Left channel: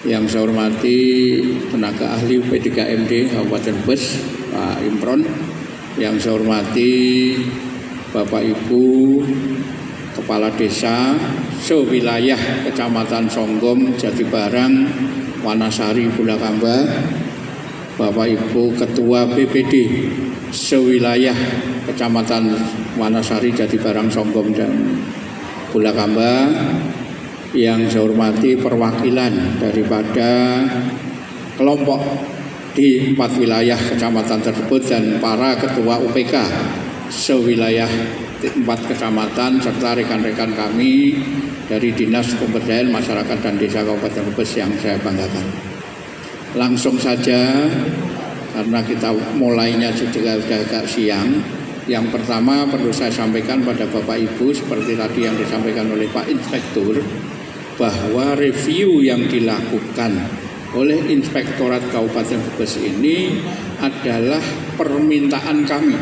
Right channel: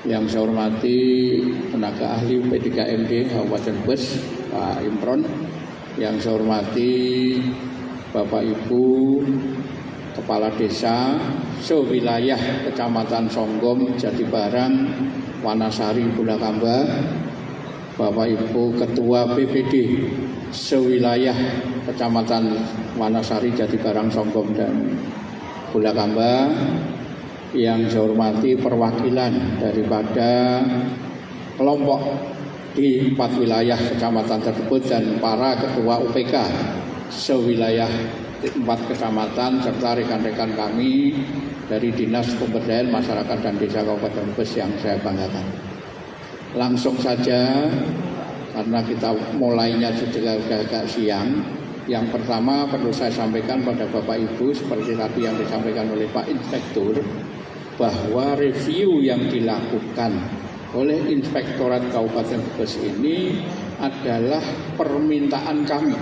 Yang saya hormati tenaga ahli P3MD Kabupaten Brebes, Pak Imron. Yang saya hormati Bapak Ibu Kepala Desa sewilayah Kecamatan Songgom, Jatibarang, Wanasari, Bulakamba. Bapak Ibu Ketua BPD sewilayah Kecamatan Wanasari, Jatibarang, Songgom, dan Bulakamba. Yang saya hormati perwakilan daripada kelompok di 4 wilayah kecamatan tersebut dan para ketua UPK sewilayah 4 kecamatan serta rekan-rekan kami dari Dinas Pemberdayaan Masyarakat dan Desa Kabupaten Brebes yang saya banggakan. Langsung saja karena kita mulainya sudah agak siang. Yang pertama perlu saya sampaikan pada Bapak Ibu seperti tadi yang disampaikan oleh Pak Inspektur, bahwa review yang dilakukan oleh Inspektorat Kabupaten Brebes ini adalah permintaan kami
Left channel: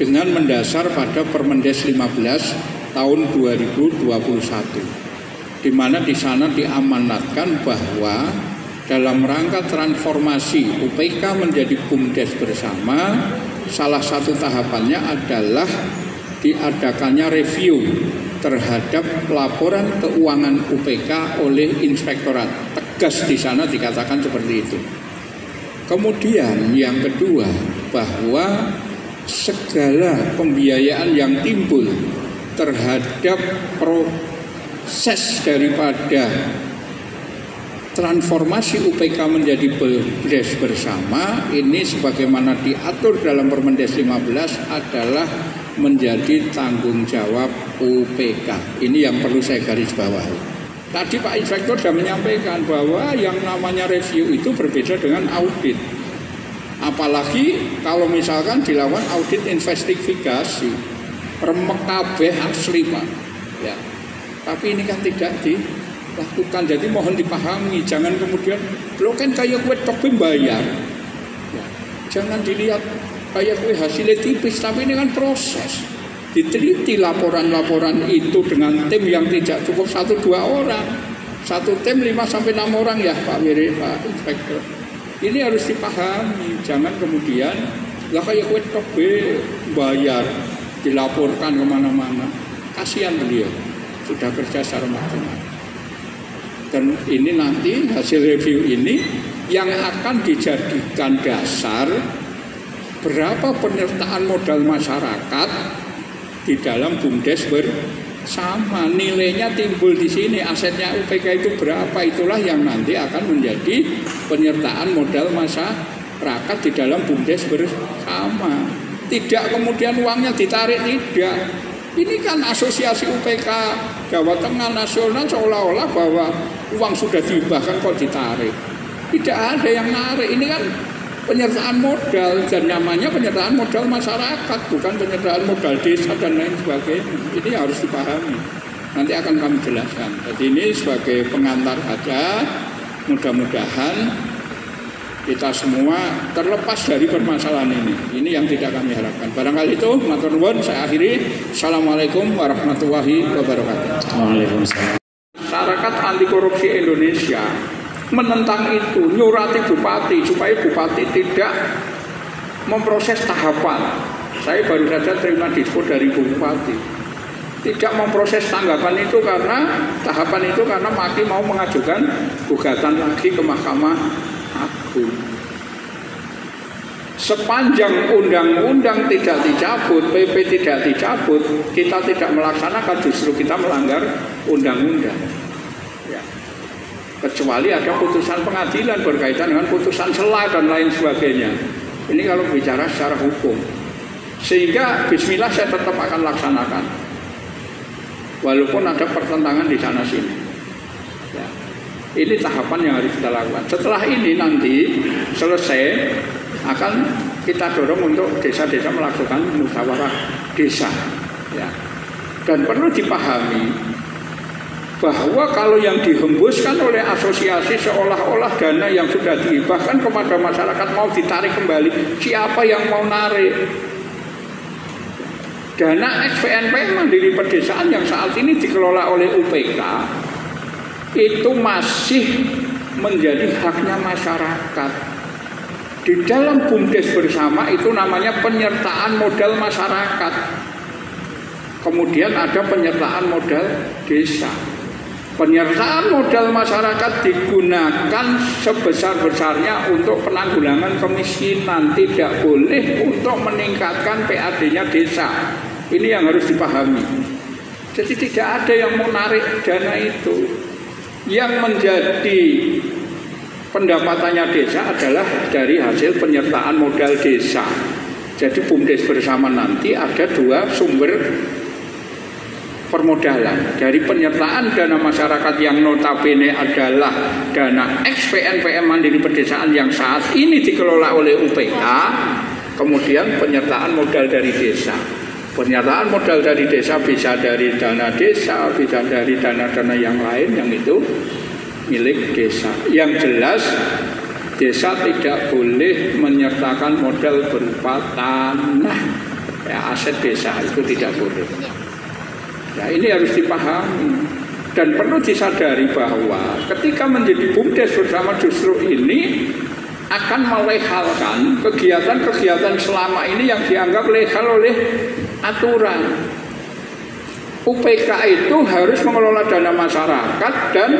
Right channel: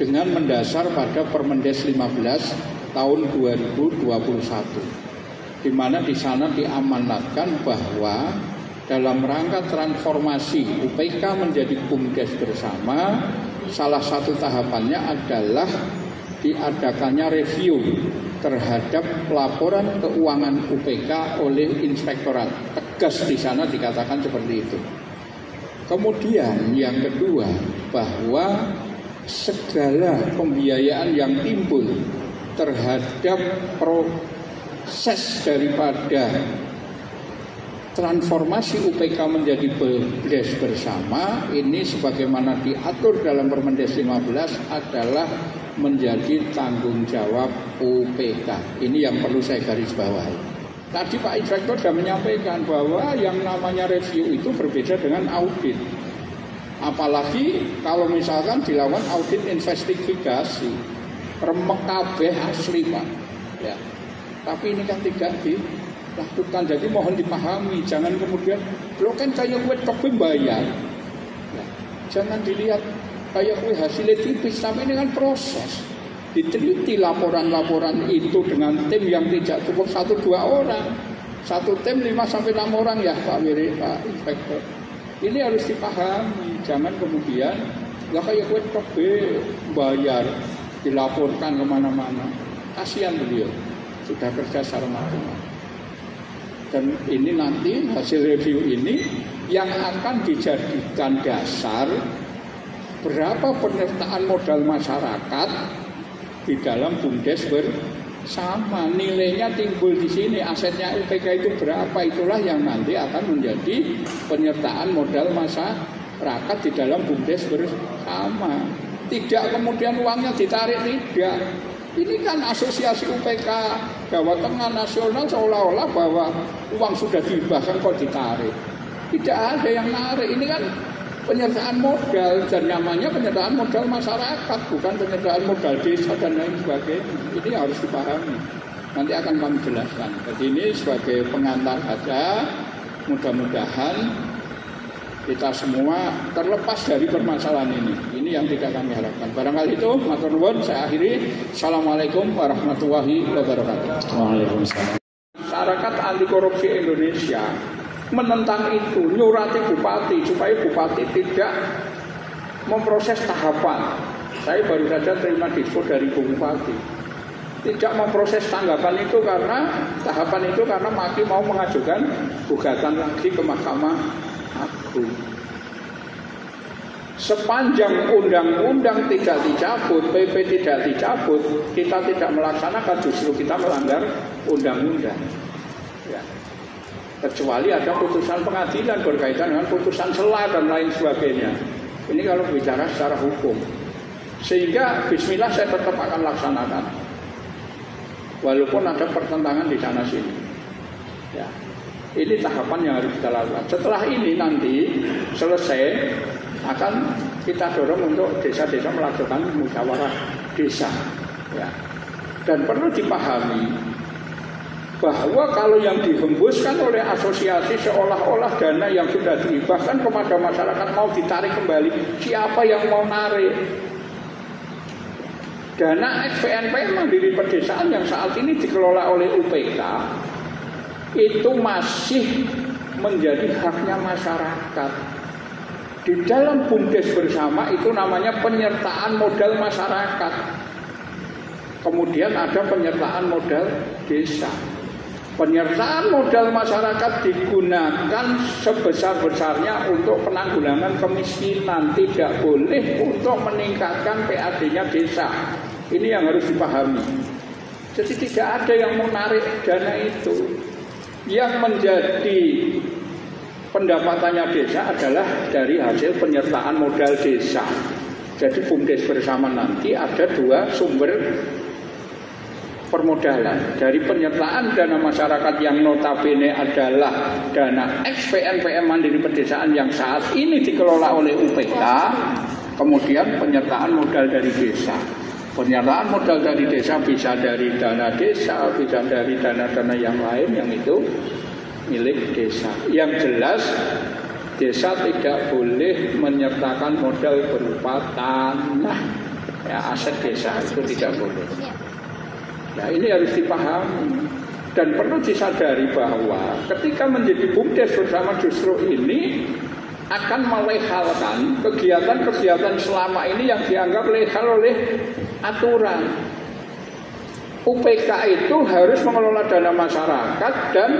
dengan mendasar pada Permendes 15 tahun 2021, di mana di sana diamanatkan bahwa dalam rangka transformasi UPK menjadi BUMDes bersama, salah satu tahapannya adalah diadakannya review terhadap laporan keuangan UPK oleh Inspektorat. Tegas di sana dikatakan seperti itu. Kemudian yang kedua, bahwa segala pembiayaan yang timbul terhadap proses daripada transformasi UPK menjadi BUMDes bersama ini sebagaimana diatur dalam Permendes 15 adalah menjadi tanggung jawab UPK. Ini yang perlu saya garis bawahi. Tadi Pak Inspektur sudah menyampaikan bahwa yang namanya review itu berbeda dengan audit. Apalagi kalau misalkan dilakukan audit investigasi, remek kabeh asli Pak. Ya. Tapi ini kan tidak dilakukan. Jadi mohon dipahami, jangan kemudian lo kan kayak gue tapi bayar. Ya. Jangan dilihat kayak gue hasilnya tipis, tapi ini kan proses. Diteliti laporan-laporan itu dengan tim yang tidak cukup 1-2 orang. Satu tim 5-6 orang ya Pak Inspektor. Ini harus dipahami. Jangan kemudian nggak kayak gue tobe bayar, dilaporkan kemana-mana. Kasihan beliau, sudah kerja secara maksimal. Dan ini nanti hasil review ini yang akan dijadikan dasar berapa penyertaan modal masyarakat di dalam BUMDes bersama. Nilainya timbul di sini, asetnya UPK itu berapa, itulah yang nanti akan menjadi penyertaan modal masyarakat di dalam BUMDes bersama. Tidak kemudian uangnya ditarik, tidak. Ini kan asosiasi UPK Jawa Tengah nasional seolah-olah bahwa uang sudah dihibahkan kok ditarik. Tidak ada yang narik, ini kan penyertaan modal, dan namanya penyertaan modal masyarakat, bukan penyertaan modal desa dan lain sebagainya. Ini harus dipahami. Nanti akan kami jelaskan. Jadi ini sebagai pengantar saja. Mudah-mudahan kita semua terlepas dari permasalahan ini. Ini yang tidak kami harapkan. Barangkali itu, matur nuwun, saya akhiri. Assalamualaikum warahmatullahi wabarakatuh. Waalaikumsalam. Masyarakat anti korupsi Indonesia menentang itu, nyurati bupati supaya bupati tidak memproses tahapan. Saya baru saja terima dispo dari bupati, tidak memproses tanggapan itu karena tahapan itu karena Maki mau mengajukan gugatan lagi ke Mahkamah Agung. Sepanjang undang-undang tidak dicabut, PP tidak dicabut, kita tidak melaksanakan, justru kita melanggar undang-undang. Kecuali ada putusan pengadilan berkaitan dengan putusan sela dan lain sebagainya. Ini kalau bicara secara hukum. Sehingga bismillah saya tetap akan laksanakan. Walaupun ada pertentangan di sana sini. Ya. Ini tahapan yang harus kita lakukan. Setelah ini nanti selesai akan kita dorong untuk desa-desa melakukan musyawarah desa. Ya. Dan perlu dipahami bahwa kalau yang dihembuskan oleh asosiasi seolah-olah dana yang sudah dihibahkan kepada masyarakat mau ditarik kembali, siapa yang mau narik? Dana SPNP Mandiri Pedesaan yang saat ini dikelola oleh UPK itu masih menjadi haknya masyarakat. Di dalam BUMDes bersama itu namanya penyertaan modal masyarakat. Kemudian ada penyertaan modal desa. Penyertaan modal masyarakat digunakan sebesar-besarnya untuk penanggulangan kemiskinan, tidak boleh untuk meningkatkan PAD-nya desa. Ini yang harus dipahami. Jadi tidak ada yang menarik dana itu. Yang menjadi pendapatannya desa adalah dari hasil penyertaan modal desa. Jadi BUMDes bersama nanti ada dua sumber permodalan. Dari penyertaan dana masyarakat yang notabene adalah dana ex-PNPM Mandiri Pedesaan yang saat ini dikelola oleh UPK, kemudian penyertaan modal dari desa. Penyertaan modal dari desa bisa dari dana desa, bisa dari dana-dana yang lain yang itu milik desa. Yang jelas desa tidak boleh menyertakan modal berupa tanah, ya, aset desa itu tidak boleh. Nah, ini harus dipahami dan perlu disadari bahwa ketika menjadi BUMDes bersama justru ini akan melehalkan kegiatan-kegiatan selama ini yang dianggap legal oleh aturan. UPK itu harus mengelola dana masyarakat dan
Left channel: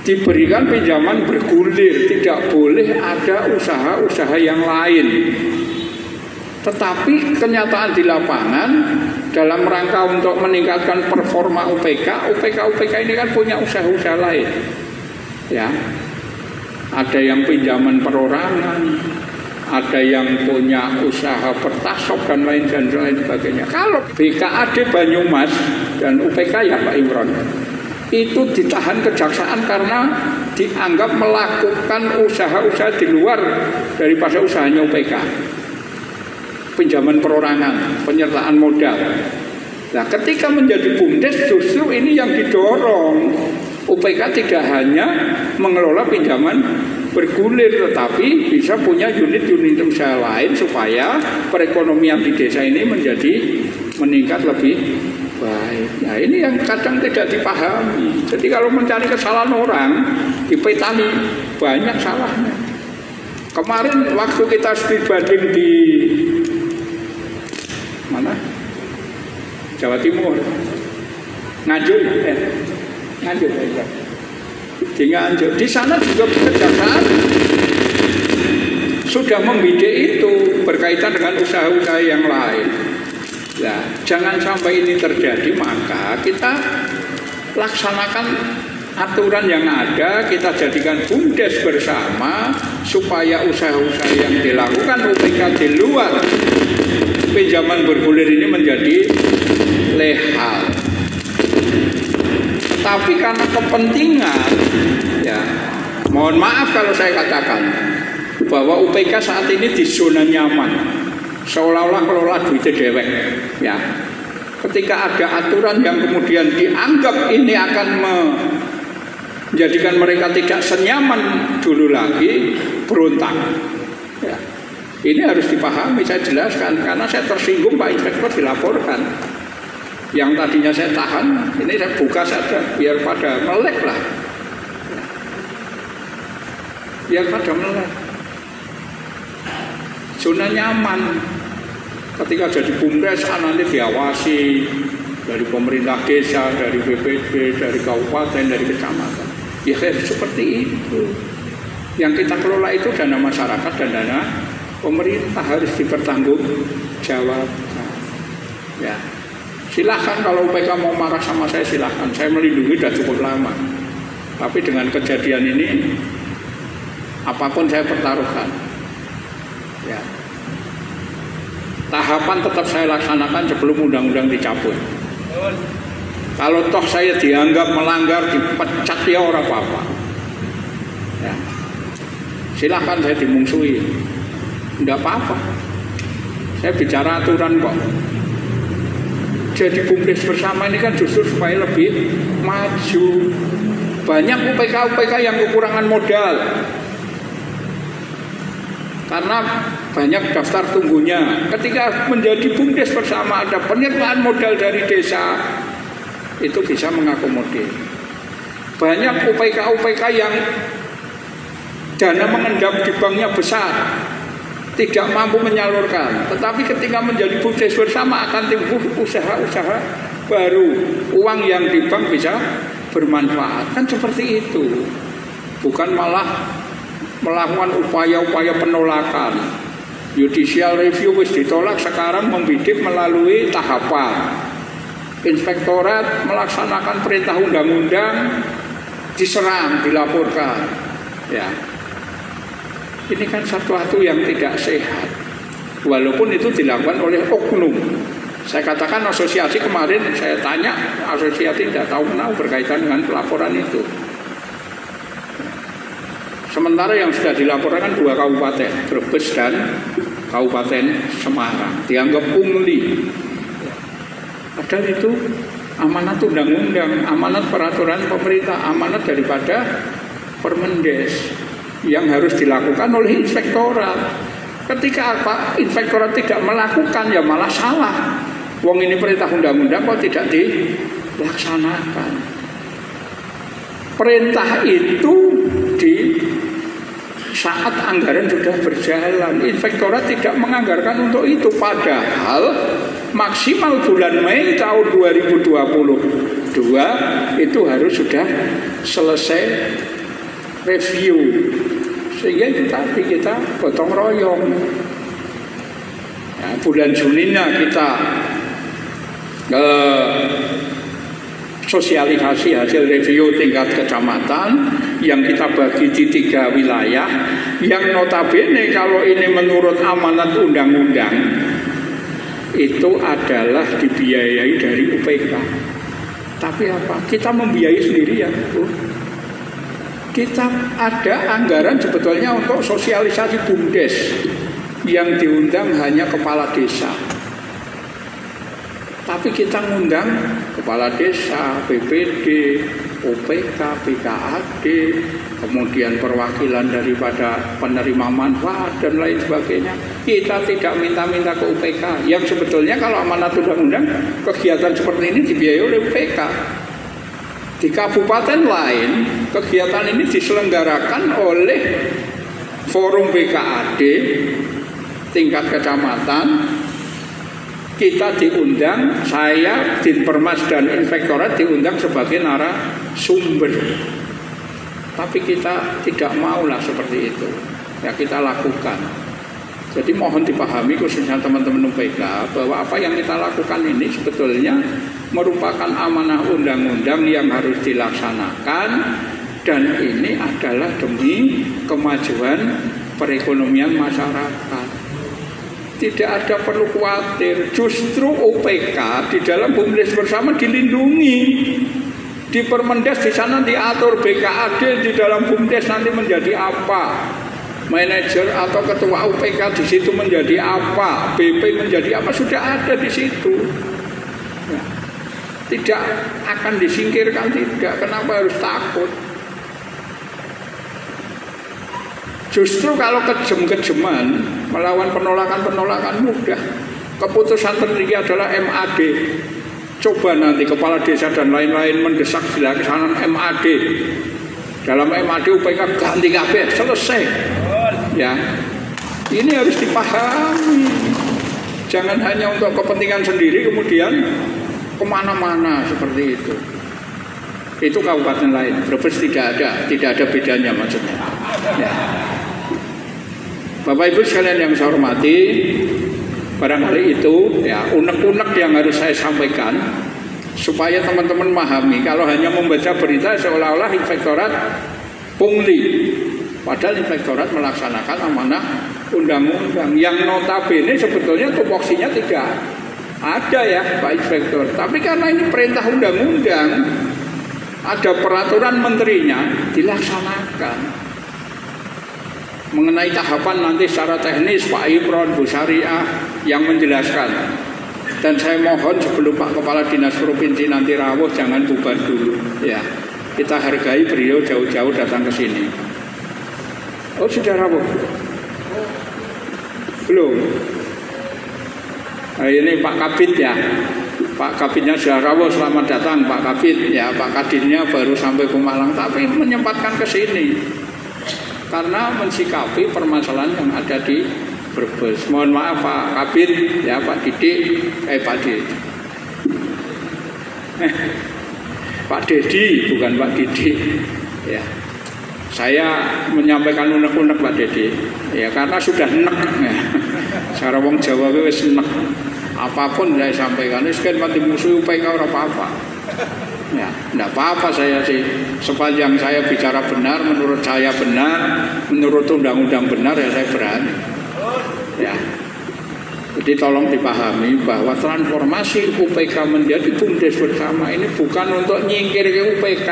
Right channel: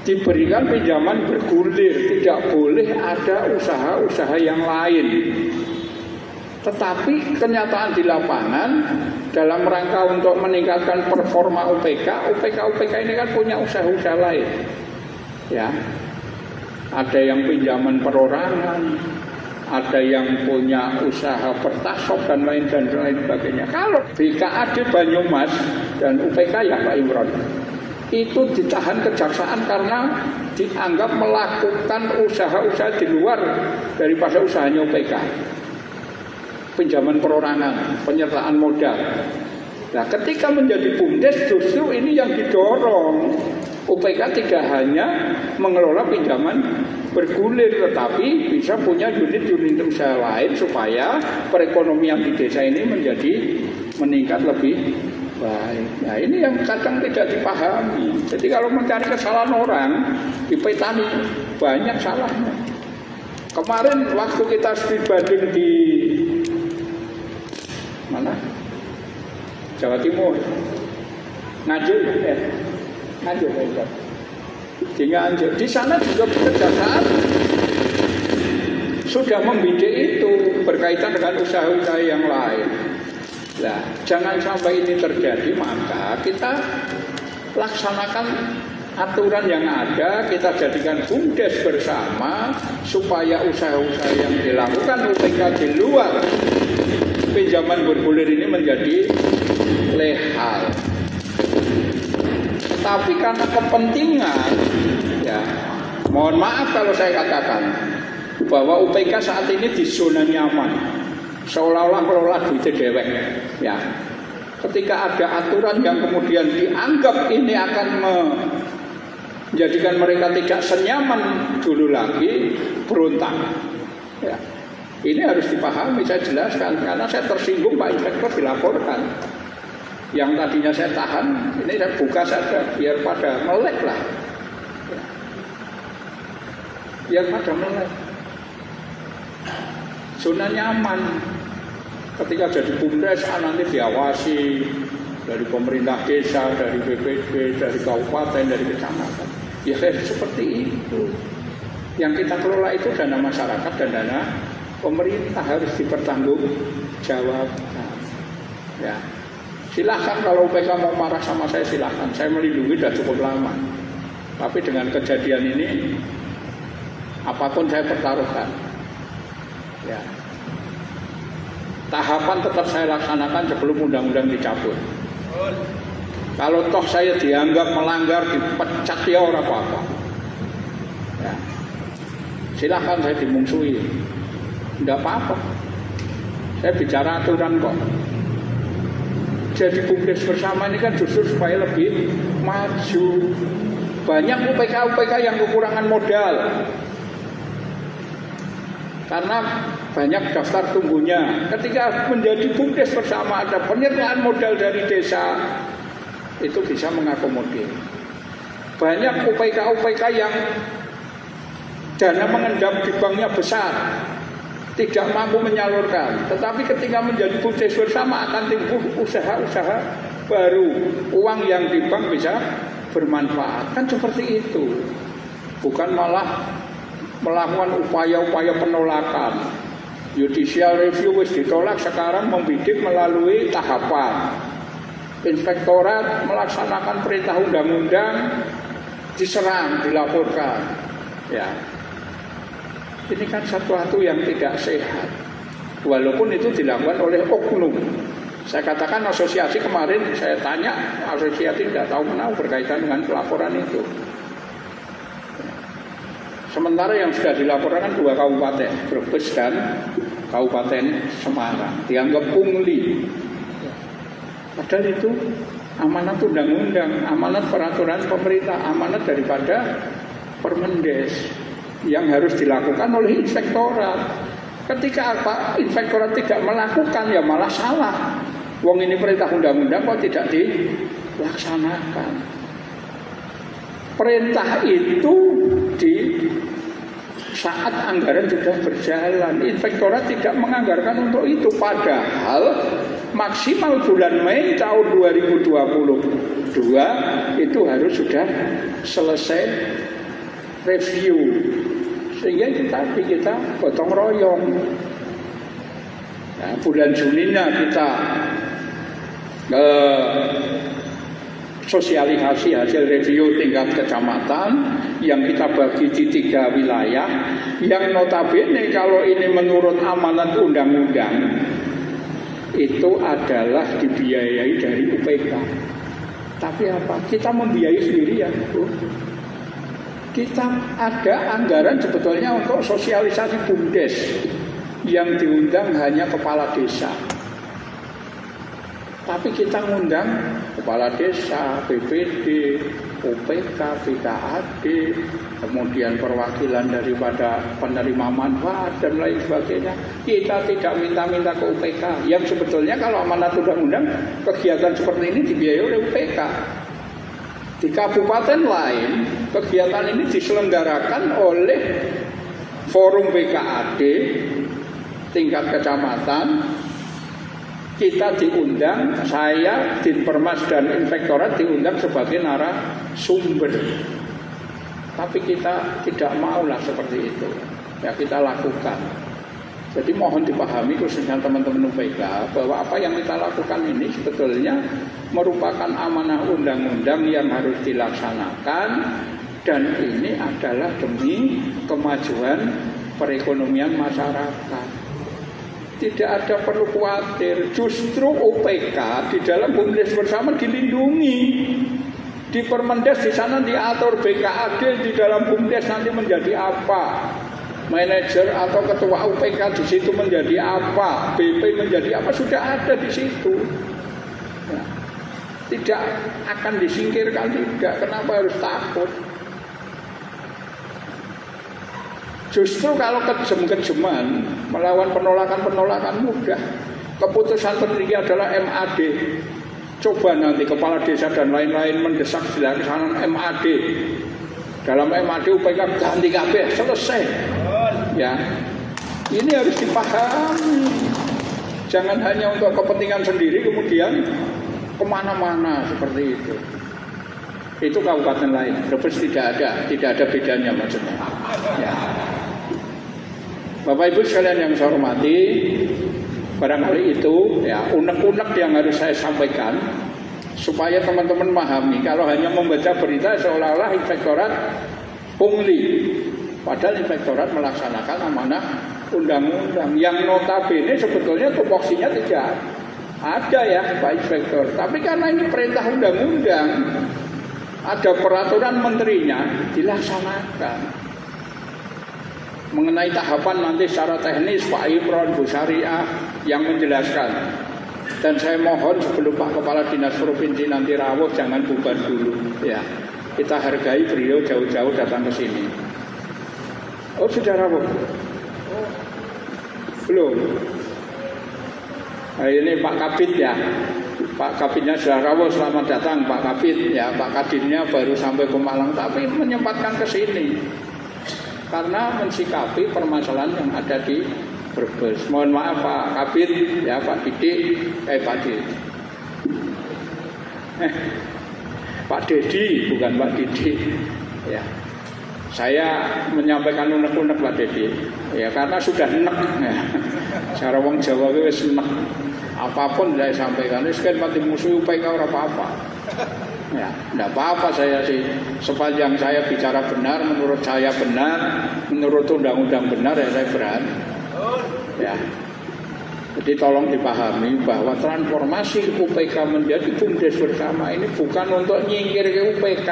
diberikan pinjaman bergulir, tidak boleh ada usaha-usaha yang lain. Tetapi kenyataan di lapangan dalam rangka untuk meningkatkan performa UPK ini kan punya usaha-usaha lain. Ya. Ada yang pinjaman perorangan, ada yang punya usaha pertasop dan lain sebagainya. Kalau BKAD Banyumas dan UPK ya Pak Imron, itu ditahan kejaksaan karena dianggap melakukan usaha-usaha di luar daripada usahanya UPK. Pinjaman perorangan, penyertaan modal. Nah, ketika menjadi BUMDes justru ini yang didorong. UPK tidak hanya mengelola pinjaman bergulir, tetapi bisa punya unit-unit usaha lain supaya perekonomian di desa ini menjadi meningkat lebih baik. Nah, ini yang kadang tidak dipahami. Jadi kalau mencari kesalahan orang di petani banyak salahnya. Kemarin waktu kita studi banding di mana? Jawa Timur, Nganjuk ya. Nganjuk ya. Di Nganjuk. Di sana juga kejaksaan sudah membidik itu berkaitan dengan usaha-usaha yang lain. Nah, jangan sampai ini terjadi, maka kita laksanakan aturan yang ada, kita jadikan BUMDes bersama supaya usaha-usaha yang dilakukan UPK di luar pinjaman bergulir ini menjadi legal. Tapi karena kepentingan, ya, mohon maaf kalau saya katakan bahwa UPK saat ini di zona nyaman, seolah-olah kelola duitnya dewek, ya. Ketika ada aturan yang kemudian dianggap ini akan menjadikan mereka tidak senyaman dulu lagi, berontak. Ya. Ini harus dipahami, saya jelaskan karena saya tersinggung Pak Inspektor dilaporkan. Yang tadinya saya tahan, ini saya buka saja biar pada melek lah. Ya. Biar pada melek. Zona nyaman. Ketika jadi BUMDes nanti diawasi dari pemerintah desa, dari BPD, dari kabupaten, dari kecamatan. Ya seperti itu. Yang kita kelola itu dana masyarakat dan dana pemerintah harus dipertanggungjawabkan. Ya, silahkan kalau UPK mau marah sama saya silahkan. Saya melindungi sudah cukup lama. Tapi dengan kejadian ini, apapun saya pertaruhkan. Ya. Tahapan tetap saya laksanakan sebelum undang-undang dicabut. Kalau toh saya dianggap melanggar, dipecat ya orang apa-apa. Ya. Silahkan saya dimungsuhi. Tidak apa-apa. Saya bicara aturan kok. Jadi BUMDes bersama ini kan justru supaya lebih maju. Banyak UPK yang kekurangan modal. Karena banyak daftar tunggunya. Ketika menjadi BUMDes bersama ada penyertaan modal dari desa, itu bisa mengakomodir. Banyak UPK yang dana mengendap di banknya besar, tidak mampu menyalurkan. Tetapi ketika menjadi BUMDes bersama akan timbul usaha-usaha baru, uang yang di bank bisa bermanfaat. Kan seperti itu. Bukan malah melakukan upaya-upaya penolakan. Judicial review wis ditolak, sekarang membidik melalui tahapan. Inspektorat melaksanakan perintah undang-undang, diserang, dilaporkan. Ya. Ini kan sesuatu yang tidak sehat. Walaupun itu dilakukan oleh oknum. Saya katakan asosiasi kemarin, saya tanya asosiasi tidak tahu kenal berkaitan dengan pelaporan itu. Sementara yang sudah dilaporkan 2 kabupaten, Brebes dan Kabupaten Semarang, dianggap pungli. Padahal itu amanat undang-undang, amanat peraturan pemerintah, amanat daripada Permendes yang harus dilakukan oleh inspektorat. Ketika inspektorat tidak melakukan, ya malah salah. Wong ini perintah undang-undang kok tidak dilaksanakan. Perintah itu di saat anggaran sudah berjalan, inspektorat tidak menganggarkan untuk itu. Padahal maksimal bulan Mei tahun 2022 itu harus sudah selesai review. Sehingga itu tadi kita gotong royong. Ya, bulan Juninya kita sosialisasi hasil review tingkat kecamatan yang kita bagi di 3 wilayah yang notabene kalau ini menurut amanat undang-undang itu adalah dibiayai dari UPK. Tapi apa? Kita membiayai sendiri ya. Kita ada anggaran sebetulnya untuk sosialisasi BUMDes yang diundang hanya kepala desa. Tapi kita ngundang kepala desa, BPD, OPK, BKAD, kemudian perwakilan daripada penerima manfaat dan lain sebagainya. Kita tidak minta-minta ke UPK. Yang sebetulnya kalau amanat undang-undang kegiatan seperti ini dibiayai oleh UPK. Di kabupaten lain kegiatan ini diselenggarakan oleh forum BKAD tingkat kecamatan. Kita diundang, saya, Dinpermas dan Inspektorat diundang sebagai narasumber. Tapi kita tidak maulah seperti itu. Ya kita lakukan. Jadi mohon dipahami khususnya teman-teman UPK bahwa apa yang kita lakukan ini sebetulnya merupakan amanah undang-undang yang harus dilaksanakan. Dan ini adalah demi kemajuan perekonomian masyarakat. Tidak ada perlu khawatir. Justru UPK di dalam BUMDes bersama dilindungi. Di Permendes di sana diatur BKAD di dalam BUMDes nanti menjadi apa, manajer atau ketua UPK di situ menjadi apa, BP menjadi apa, sudah ada di situ. Tidak akan disingkirkan, tidak. Kenapa harus takut? Justru kalau kejem-kejeman melawan penolakan-penolakan mudah. Keputusan tertinggi adalah MAD. Coba nanti kepala desa dan lain-lain mendesak dilaksanakan MAD. Dalam MAD UPK ganti kabeh, selesai. Ya, ini harus dipahami. Jangan hanya untuk kepentingan sendiri kemudian kemana-mana seperti itu. Itu kabupaten lain. Brebes tidak ada bedanya maksudnya. Ya. Bapak Ibu sekalian yang saya hormati, barangkali itu ya unek-unek yang harus saya sampaikan supaya teman-teman memahami. Kalau hanya membaca berita seolah-olah inspektorat pungli, padahal inspektorat melaksanakan amanah undang-undang yang notabene sebetulnya tupoksinya tidak ada ya Pak Inspektor. Tapi karena ini perintah undang-undang, ada peraturan menterinya, dilaksanakan. Mengenai tahapan nanti secara teknis Pak Imron, Bu Syariah yang menjelaskan. Dan saya mohon sebelum Pak Kepala Dinas Provinsi nanti rawuh jangan bubar dulu ya. Kita hargai beliau jauh-jauh datang ke sini. Oh sudah rawuh? Belum. Nah, ini Pak Kabid ya. Pak Kabinnya sudah rawuh, selamat datang Pak Kabin. Ya, Pak Kadinnya baru sampai ke Malang, tapi menyempatkan ke sini karena mensikapi permasalahan yang ada di Brebes. Mohon maaf Pak Kabin, ya Pak Didik, Pak Pak Dedi, bukan Pak Didik. Ya, saya menyampaikan unek-unek Pak Dedi. Ya, karena sudah enek. Ya. Cara wong Jawa wis enek. Apapun saya sampaikan, ini kan mati musuh UPK orang apa-apa. Ya, tidak apa-apa saya sih. Sepanjang saya bicara benar, menurut saya benar, menurut undang-undang benar, ya saya berani. Ya, jadi tolong dipahami bahwa transformasi UPK menjadi BUMDes bersama ini bukan untuk nyingkir ke UPK,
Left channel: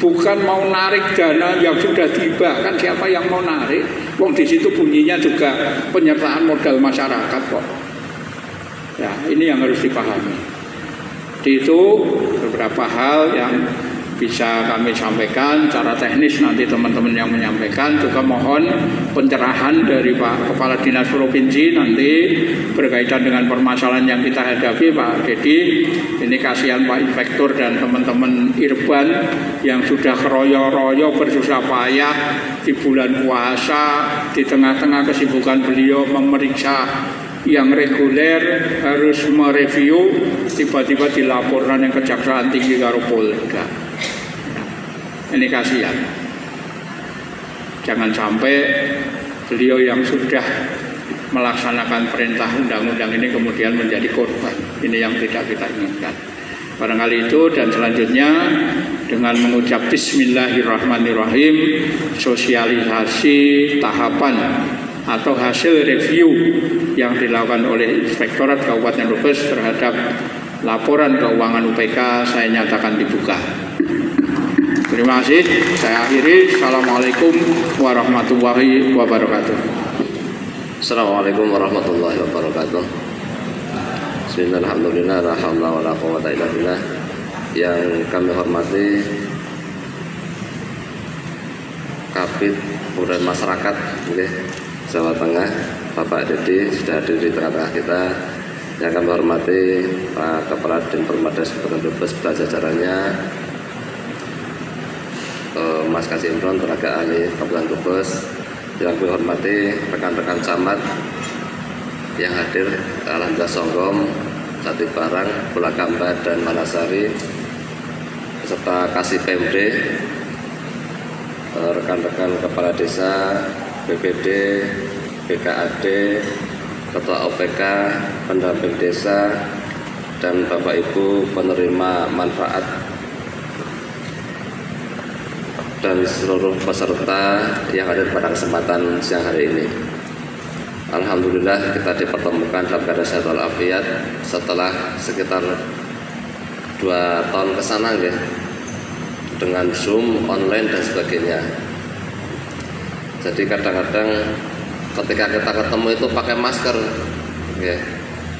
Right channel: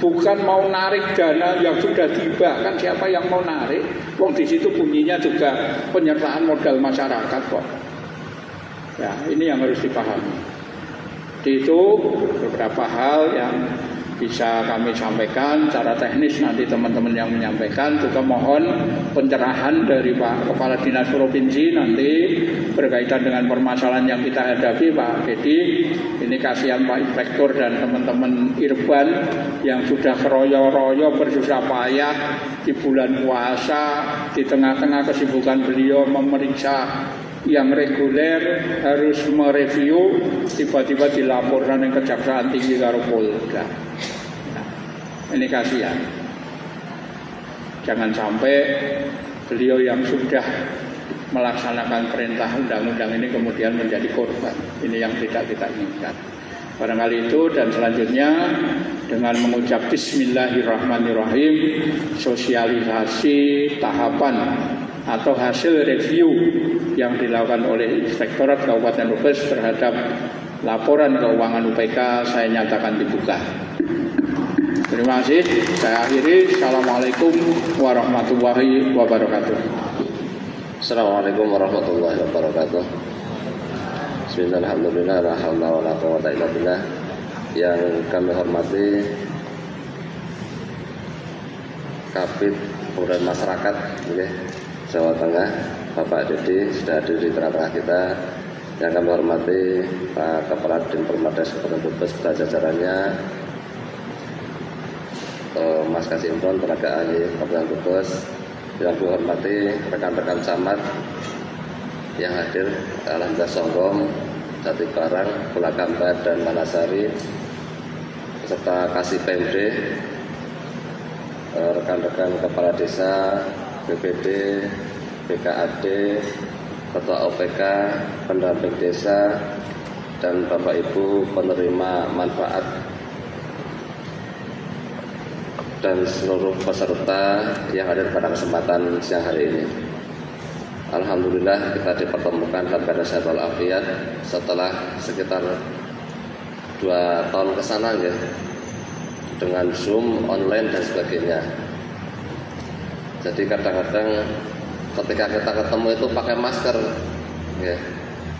bukan mau narik dana yang sudah tiba. Kan siapa yang mau narik? Wong di situ bunyinya juga penyertaan modal masyarakat kok. Ya, ini yang harus dipahami. Itu beberapa hal yang bisa kami sampaikan. Cara teknis nanti teman-teman yang menyampaikan juga mohon pencerahan dari Pak Kepala Dinas Provinsi nanti berkaitan dengan permasalahan yang kita hadapi Pak Dedi. Ini kasihan Pak Inspektur dan teman-teman Irban yang sudah keroyo-royo bersusah payah di bulan puasa, di tengah-tengah kesibukan beliau memeriksa yang reguler, harus mereview, tiba-tiba dilaporkan yang Kejaksaan Tinggi karo Polda. Ini kasihan. Jangan sampai beliau yang sudah melaksanakan perintah undang-undang ini kemudian menjadi korban. Ini yang tidak kita inginkan. Barangkali itu, dan selanjutnya dengan mengucap Bismillahirrahmanirrahim, sosialisasi tahapan atau hasil review yang dilakukan oleh Inspektorat Kabupaten Brebes terhadap laporan keuangan UPK saya nyatakan dibuka. Terima kasih. Saya akhiri. Assalamualaikum warahmatullahi wabarakatuh. Assalamualaikum warahmatullahi wabarakatuh. Bismillahirrahmanirrahim. La haula wala quwwata illa billah. Yang kami hormati Kabid Kemudian Masyarakat Jawa Tengah, Bapak Dedi sudah hadir di tengah-tengah kita. Yang kami hormati Pak Kepala Din Permades Kabupaten Brebes beserta jajarannya, Mas Kasih Imron, tenaga ahli Kabupaten Brebes. Yang kami hormati rekan-rekan camat yang hadir, Alhamdulillah Songgom, Jati Barang, Pulakamba dan Manasari, beserta Kasih PMD, rekan-rekan kepala desa, BPD, BKAD, Ketua OPK, pendamping desa, dan Bapak Ibu penerima manfaat dan seluruh peserta yang hadir pada kesempatan siang hari ini. Alhamdulillah kita dipertemukan dalam keadaan sehat walafiat setelah sekitar 2 tahun kesana ya, dengan Zoom, online dan sebagainya. Jadi kadang-kadang ketika kita ketemu itu pakai masker ya.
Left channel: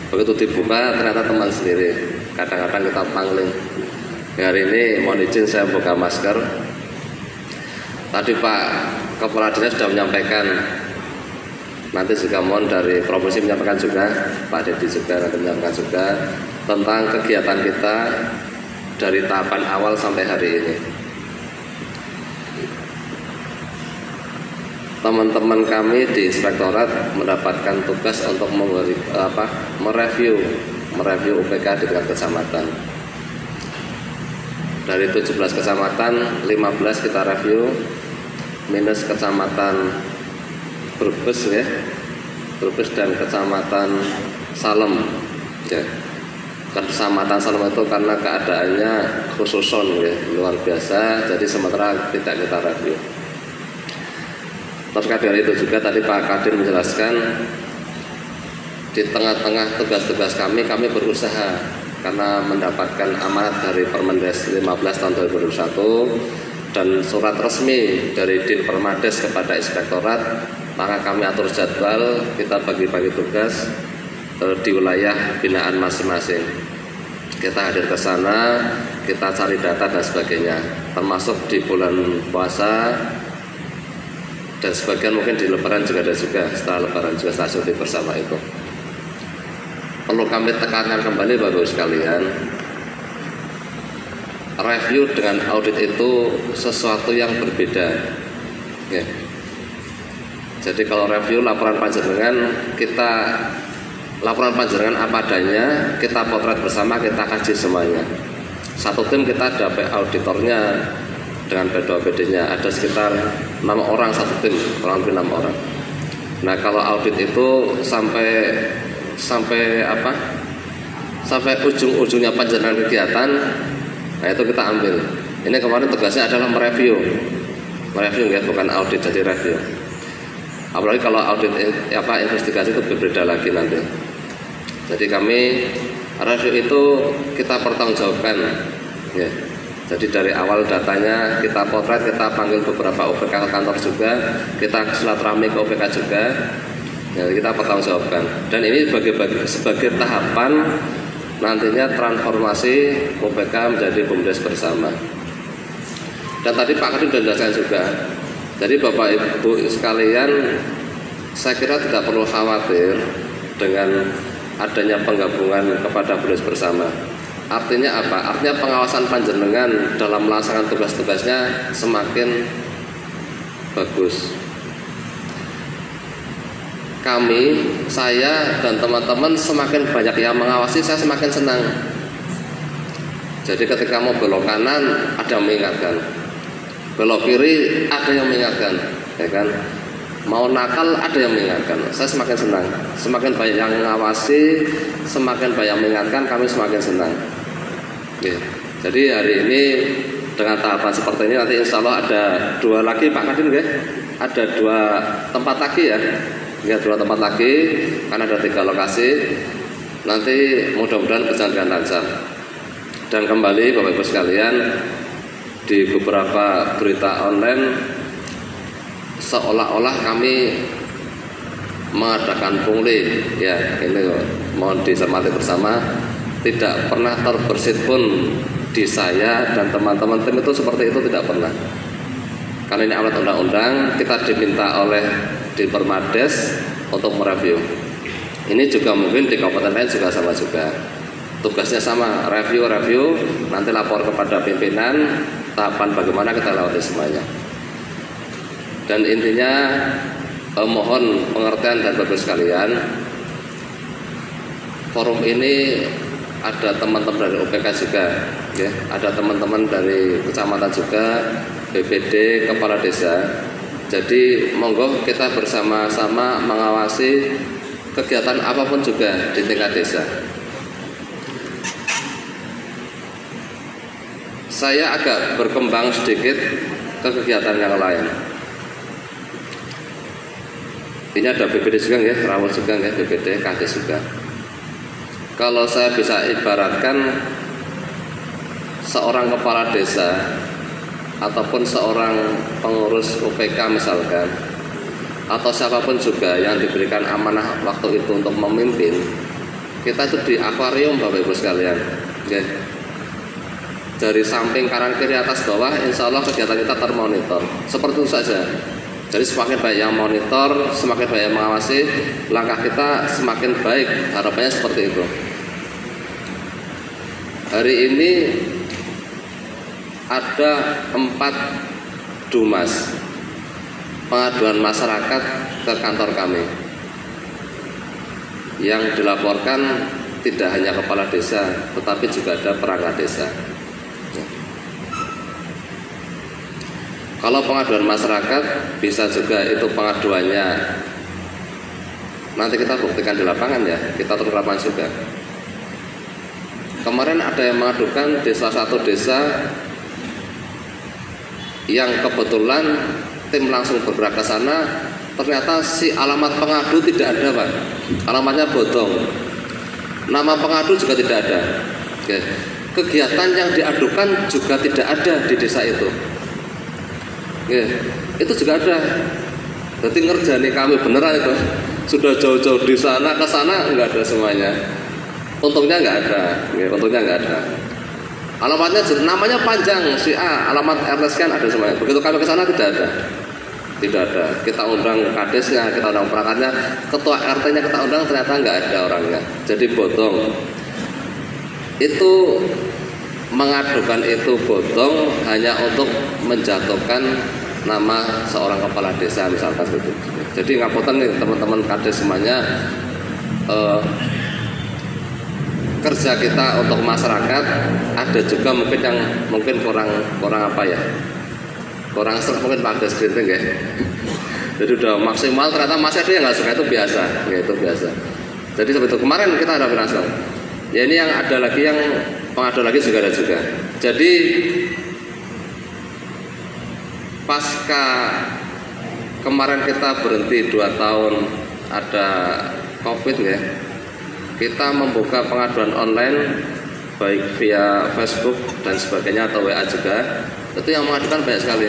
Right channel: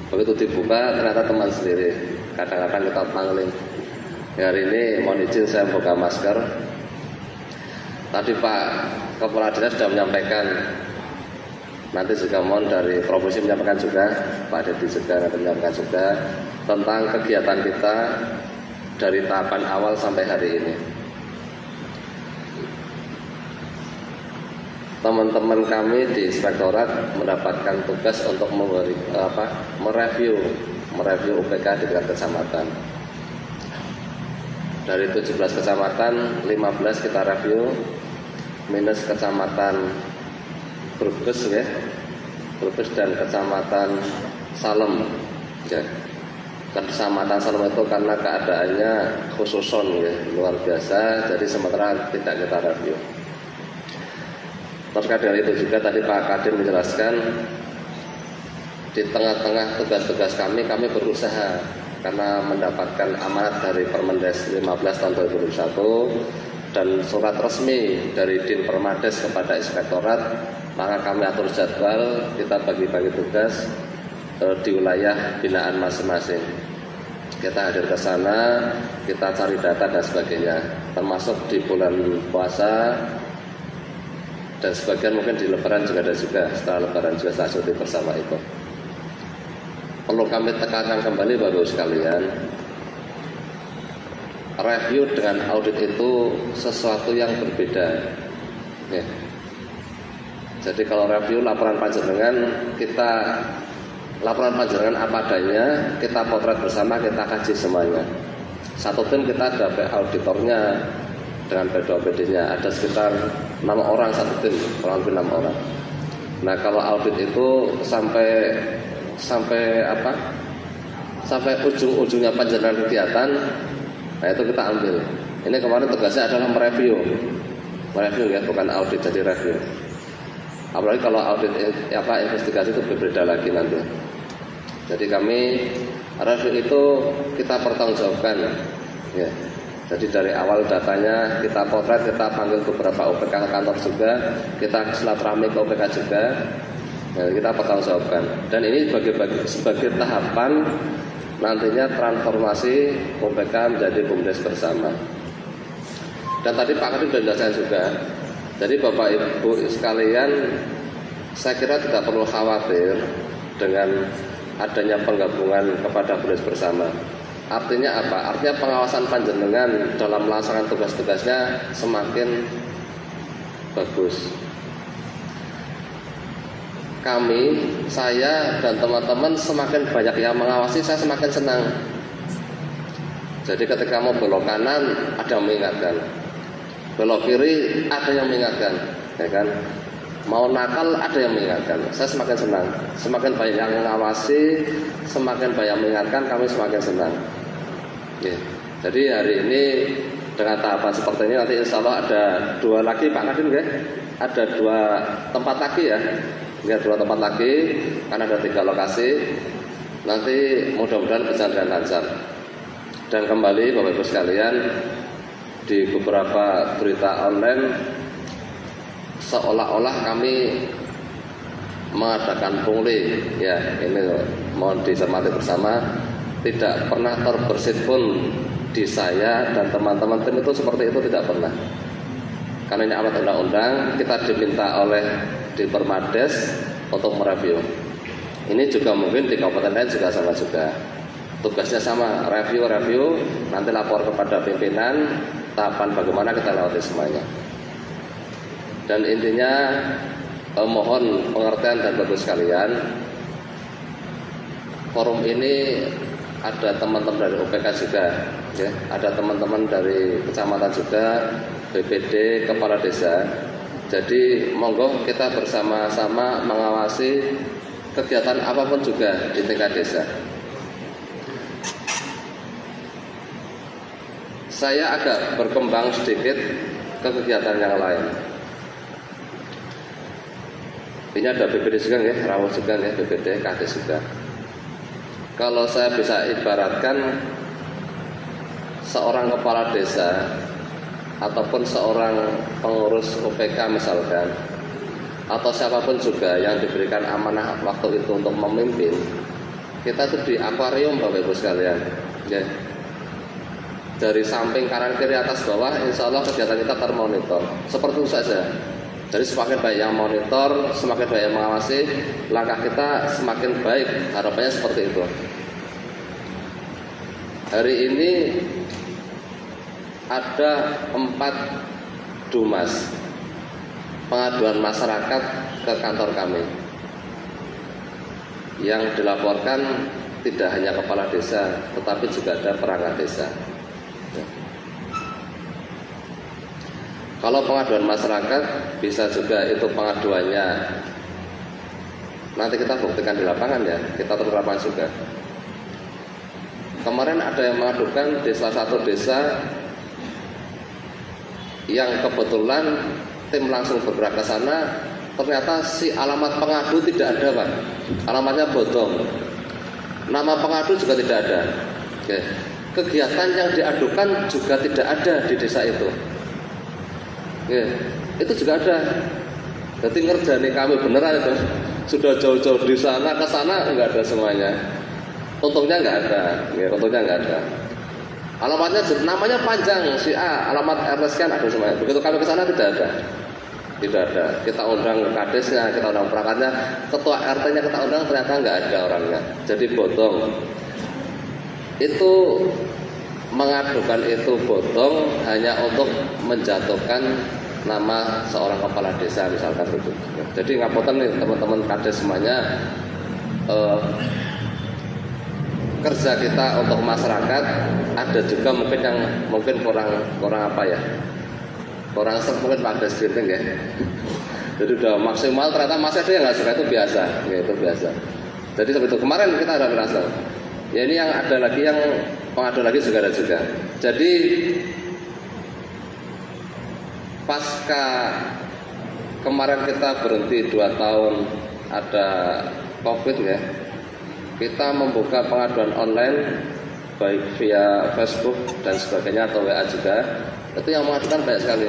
Begitu dibuka ternyata teman sendiri. Kadang-kadang kita pangling. Hari ini mohon izin saya buka masker. Tadi Pak Kepala Dinas sudah menyampaikan, nanti juga mohon dari provinsi menyampaikan juga, Pak Dedi juga nanti menyampaikan juga tentang kegiatan kita dari tahapan awal sampai hari ini. Teman-teman kami di Inspektorat mendapatkan tugas untuk mereview UPK di tingkat kecamatan. Dari 17 kecamatan, 15 kita review, minus kecamatan Brebes ya, Brebes dan kecamatan Salem ya. Kecamatan Salem itu karena keadaannya khususon ya, luar biasa, jadi sementara tidak kita review. Terkait dengan itu juga tadi Pak Kadir menjelaskan, di tengah-tengah tugas-tugas kami berusaha karena mendapatkan amanat dari Permendes 15 tahun 2021 dan surat resmi dari Din Permades kepada Inspektorat, maka kami atur jadwal, kita bagi-bagi tugas di wilayah binaan masing-masing. Kita hadir ke sana, kita cari data dan sebagainya, termasuk di bulan puasa dan sebagian mungkin di Lebaran juga ada juga, setelah Lebaran juga setelah cuti bersama itu. perlu kami tekankan kembali Bapak Ibu sekalian, review dengan audit itu sesuatu yang berbeda. Ya. Jadi kalau review laporan panjenengan, laporan panjenengan apa adanya, kita potret bersama, kita kaji semuanya. Satu tim kita ada auditornya dengan BPD-nya, ada sekitar 6 orang satu tim, kurang lebih 6 orang. Nah kalau audit itu sampai ujung-ujungnya panjenengan kegiatan, nah itu kita ambil. Ini kemarin tugasnya adalah mereview ya, bukan audit, jadi review. Apalagi kalau audit investigasi itu berbeda lagi nanti. Jadi kami review itu kita pertanggungjawabkan ya. Jadi dari awal datanya kita potret, kita panggil beberapa OPK ke kantor juga, kita silaturahmi ke OPK juga, ya, kita pertanggungjawabkan. Dan ini sebagai tahapan nantinya transformasi OPK menjadi BUMDes bersama. Dan tadi Pak Kadin sudah jelaskan juga. Jadi Bapak Ibu sekalian, saya kira tidak perlu khawatir dengan adanya penggabungan kepada BUMDes bersama. Artinya apa? Artinya pengawasan panjenengan dalam melaksanakan tugas-tugasnya semakin bagus. Kami, saya dan teman-teman semakin banyak yang mengawasi, saya semakin senang. Jadi ketika mau belok kanan ada yang mengingatkan, belok kiri ada yang mengingatkan, ya kan? Mau nakal ada yang mengingatkan. Saya semakin senang. Semakin banyak yang mengawasi, semakin banyak yang mengingatkan, kami semakin senang. Ya. Jadi hari ini dengan tahapan seperti ini nanti insya Allah ada 2 lagi Pak Kadin ya, ada 2 tempat lagi ya, 2 tempat lagi, karena ada 3 lokasi. Nanti mudah-mudahan berjalan dengan lancar. Dan kembali Bapak Ibu sekalian, di beberapa berita online seolah-olah kami mengadakan pungli ya, ini mohon dicermati bersama. Tidak pernah terbersit pun di saya dan teman-teman tim itu seperti itu, tidak pernah. Karena ini amanat undang-undang, kita diminta oleh di Permades untuk mereview. Ini juga mungkin di kabupaten lain juga sama juga. Tugasnya sama, review, nanti lapor kepada pimpinan, tahapan bagaimana kita lewati semuanya. Dan intinya mohon pengertian dan Bapak sekalian, forum ini ada teman-teman dari OPK juga, ya, ada teman-teman dari kecamatan juga, BPD, kepala desa. Jadi monggo kita bersama-sama mengawasi kegiatan apapun juga di tingkat desa. Saya agak berkembang sedikit ke kegiatan yang lain. Ini ada BPD juga ya, Rawat juga ya, BPD, Kades juga. Kalau saya bisa ibaratkan seorang kepala desa ataupun seorang pengurus OPK misalkan, atau siapapun juga yang diberikan amanah waktu itu untuk memimpin, kita itu di akuarium Bapak Ibu sekalian ya. Dari samping kanan kiri atas bawah insya Allah kegiatan kita termonitor. Seperti itu saja. Jadi semakin banyak yang monitor, semakin banyak yang mengawasi, langkah kita semakin baik. Harapannya seperti itu. Hari ini ada 4 dumas pengaduan masyarakat ke kantor kami yang dilaporkan tidak hanya kepala desa, tetapi juga ada perangkat desa. Kalau pengaduan masyarakat bisa juga itu pengaduannya nanti kita buktikan di lapangan ya, kita turun lapangan juga. Kemarin ada yang mengadukan di salah satu desa yang kebetulan tim langsung bergerak ke sana, ternyata si alamat pengadu tidak ada Pak, alamatnya bodong, nama pengadu juga tidak ada. Oke. Kegiatan yang diadukan juga tidak ada di desa itu. Oke. Itu juga ada. Berarti ngerjani kami beneran itu. Sudah jauh-jauh di sana ke sana enggak ada semuanya. Untungnya enggak ada. Ya, untungnya enggak ada. Alamatnya namanya panjang si A, alamat RT sekian ada semuanya. Begitu kami ke sana tidak ada. Tidak ada. Kita undang kadesnya, kita undang perangkatnya, ketua RT-nya kita undang, ternyata nggak ada orangnya. Jadi bodong. Itu mengadukan itu bodong hanya untuk menjatuhkan nama seorang kepala desa misalkan itu. Jadi ngapunten nih teman-teman kades semuanya, kerja kita untuk masyarakat ada juga mungkin yang kurang apa ya, kurang serp mungkin Pak Des Grinting ya. Jadi udah maksimal, ternyata masih ada yang nggak suka, itu biasa, ya itu biasa. Jadi seperti itu kemarin kita hadapi langsung. Ya ini yang ada lagi, yang pengadu lagi juga ada juga. Jadi pasca kemarin kita berhenti 2 tahun ada COVID ya, kita membuka pengaduan online baik via Facebook dan sebagainya atau WA juga. Itu yang mengadukan banyak sekali.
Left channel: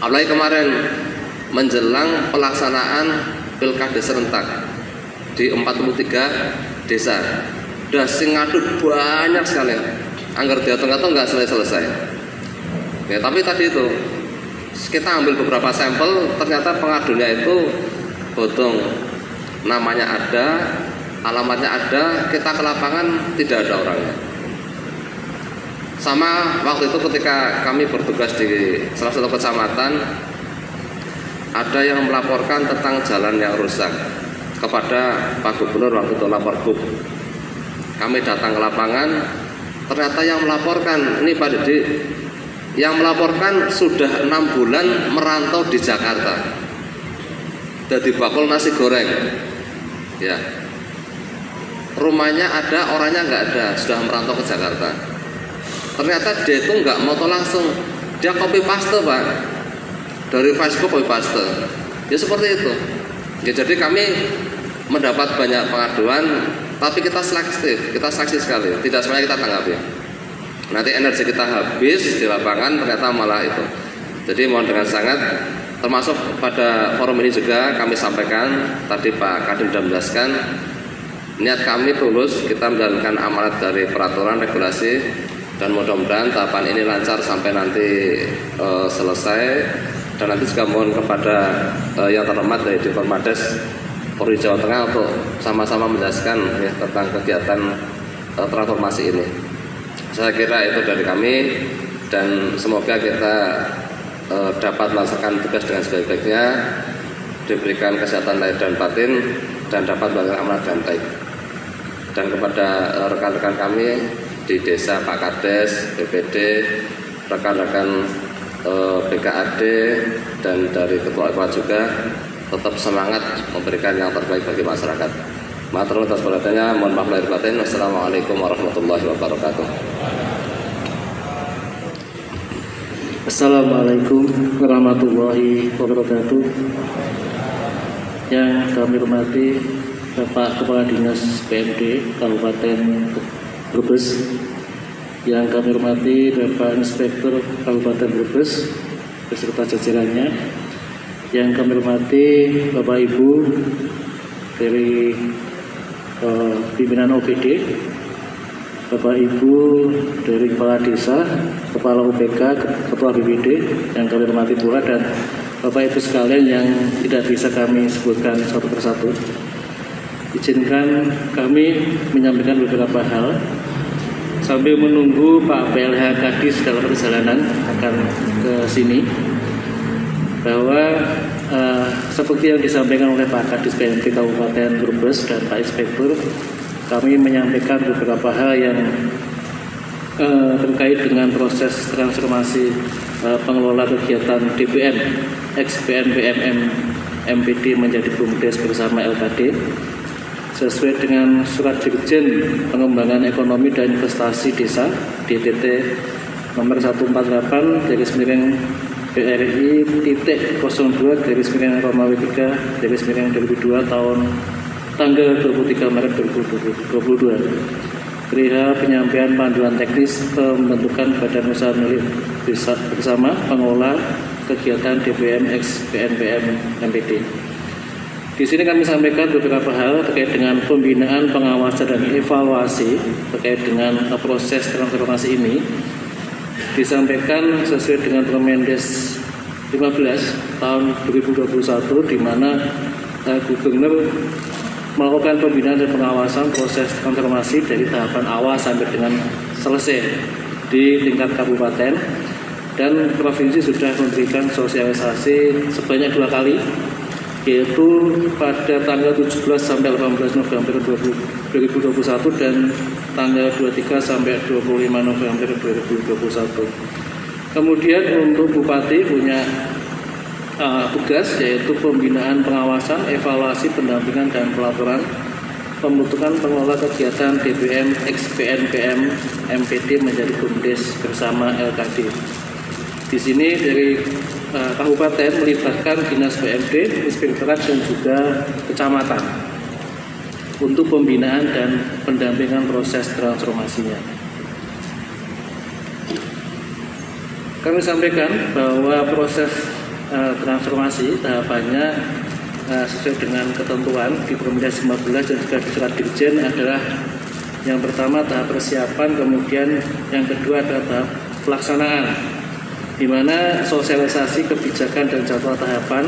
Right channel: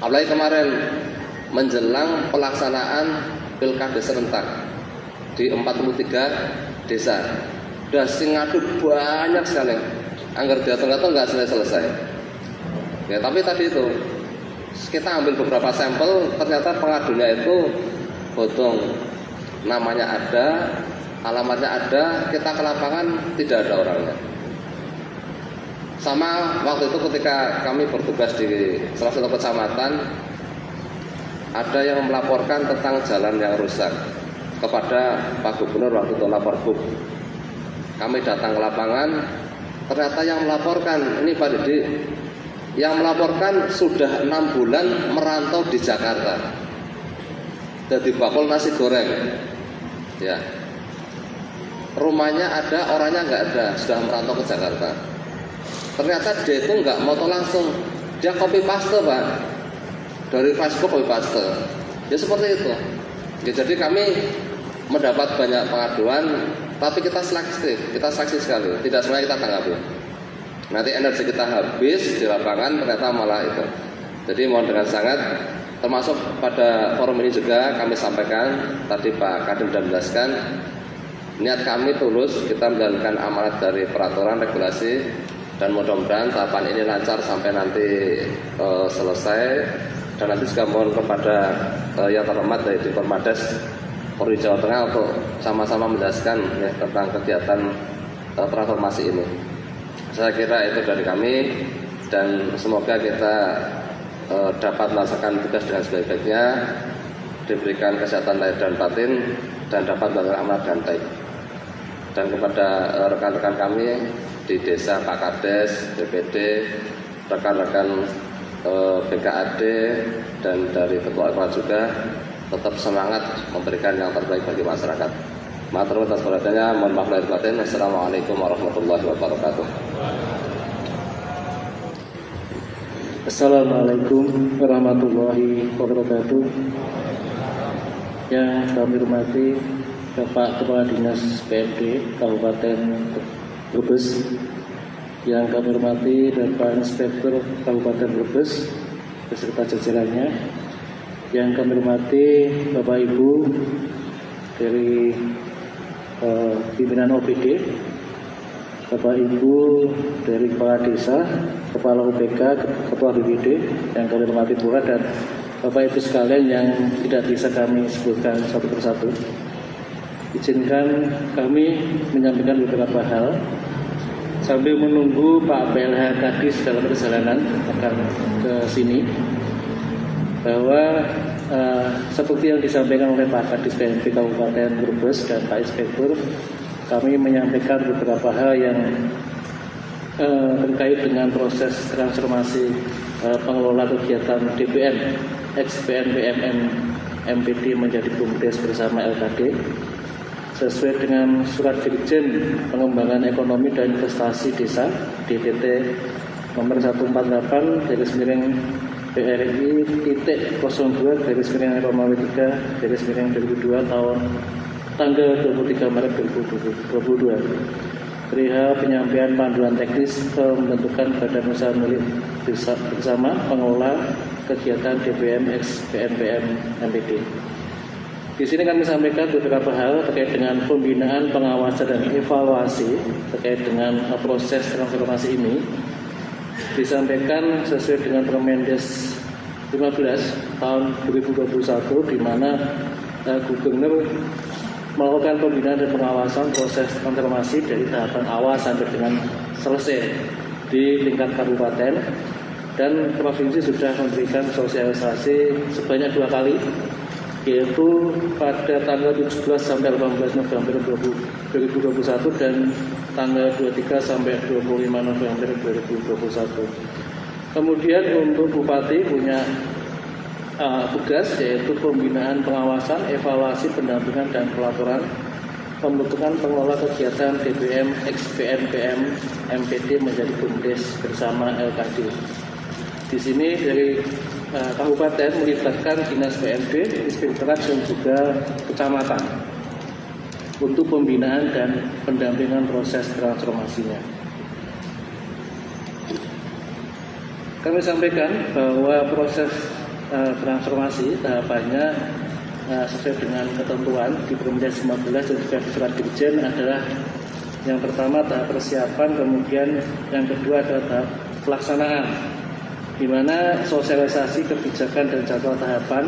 Apalagi kemarin menjelang pelaksanaan pilkada serentak di 43 desa, udah sing ngadu banyak sekali. Anggar dihitung-hitung nggak selesai. Ya tapi tadi itu kita ambil beberapa sampel, ternyata pengadunya itu bodong. Namanya ada, alamatnya ada, kita ke lapangan tidak ada orangnya. Sama waktu itu ketika kami bertugas di salah satu kecamatan, ada yang melaporkan tentang jalan yang rusak kepada Pak Gubernur waktu itu, lapor Gub. Kami datang ke lapangan, ternyata yang melaporkan, ini Pak Didi, yang melaporkan sudah 6 bulan merantau di Jakarta. Jadi bakul nasi goreng, ya. Rumahnya ada, orangnya nggak ada, sudah merantau ke Jakarta. Ternyata dia itu nggak moto langsung, dia copy paste Pak, dari Facebook copy paste. Ya seperti itu. Ya jadi kami mendapat banyak pengaduan, tapi kita selektif, kita seleksi sekali, tidak semuanya kita tanggapi. Nanti energi kita habis di lapangan, ternyata malah itu. Jadi mohon dengan sangat, termasuk pada forum ini juga kami sampaikan, tadi Pak Kadin sudah menjelaskan, niat kami tulus, kita menjalankan amanat dari peraturan regulasi, dan mudah-mudahan tahapan ini lancar sampai nanti selesai. Dan nanti juga mohon kepada yang terhormat dari Diformades Polri Jawa Tengah untuk sama-sama menjelaskan ya, tentang kegiatan transformasi ini. Saya kira itu dari kami, dan semoga kita dapat melaksanakan tugas dengan sebaik-baiknya, diberikan kesehatan lahir dan batin, dan dapat melakukan amanat dengan baik. Dan kepada rekan-rekan kami di desa, Pak Kades, BPD, rekan-rekan BKAD, dan dari Ketua Ekwa juga, tetap semangat memberikan yang terbaik bagi masyarakat. Matur nuwun atas perhatiannya, mohon maaf lahir batin. Wassalamualaikum warahmatullahi wabarakatuh. Assalamualaikum warahmatullahi wabarakatuh. Yang kami hormati Bapak Kepala Dinas PMD Kabupaten Brebes, yang kami hormati Bapak Inspektur Kabupaten Brebes beserta jajarannya, yang kami hormati Bapak Ibu dari pimpinan OPD, Bapak Ibu dari Kepala Desa, Kepala UPK, Ketua BPD, yang kami hormati pula, dan Bapak Ibu sekalian yang tidak bisa kami sebutkan satu persatu. Izinkan kami menyampaikan beberapa hal sambil menunggu Pak PLH Kadis dalam perjalanan akan ke sini, bahwa seperti yang disampaikan oleh Pak Kadis PMD Kabupaten Brebes dan Pak Inspektur, kami menyampaikan beberapa hal yang terkait dengan proses transformasi pengelola kegiatan DPM ex-BNPM MPD menjadi BUMDes bersama LKD sesuai dengan Surat Dirjen Pengembangan Ekonomi dan Investasi Desa DTT nomor 148/RI.02/2002 tahun tanggal 23 Maret 2022 perihal penyampaian panduan teknis pembentukan badan usaha milik desa bersama pengelola kegiatan DPM ex BNPM MPD. Di sini kami sampaikan beberapa hal terkait dengan pembinaan, pengawasan, dan evaluasi terkait dengan proses transformasi ini. Disampaikan sesuai dengan Permendes tahun 2021, di mana Gubernur melakukan pembinaan dan pengawasan proses transformasi dari tahapan awal sampai dengan selesai di tingkat kabupaten, dan provinsi sudah memberikan sosialisasi sebanyak 2 kali, yaitu pada tanggal 17 sampai 18 November 2021 dan tanggal 23 sampai 25 November 2021. Kemudian untuk Bupati punya tugas, yaitu pembinaan, pengawasan, evaluasi, pendampingan, dan pelaporan pembentukan pengelola kegiatan DPM, XPN, PM, MPD menjadi BUMDes bersama LKD. Di sini dari kabupaten melibatkan dinas PMD, inspektorat, dan juga kecamatan untuk pembinaan dan pendampingan proses transformasinya. Kami sampaikan bahwa proses transformasi tahapannya sesuai dengan ketentuan di Permendes 15 dan juga di Surat Dirjen adalah yang pertama tahap persiapan, kemudian yang kedua adalah tahap pelaksanaan, di mana sosialisasi kebijakan dan jadwal tahapan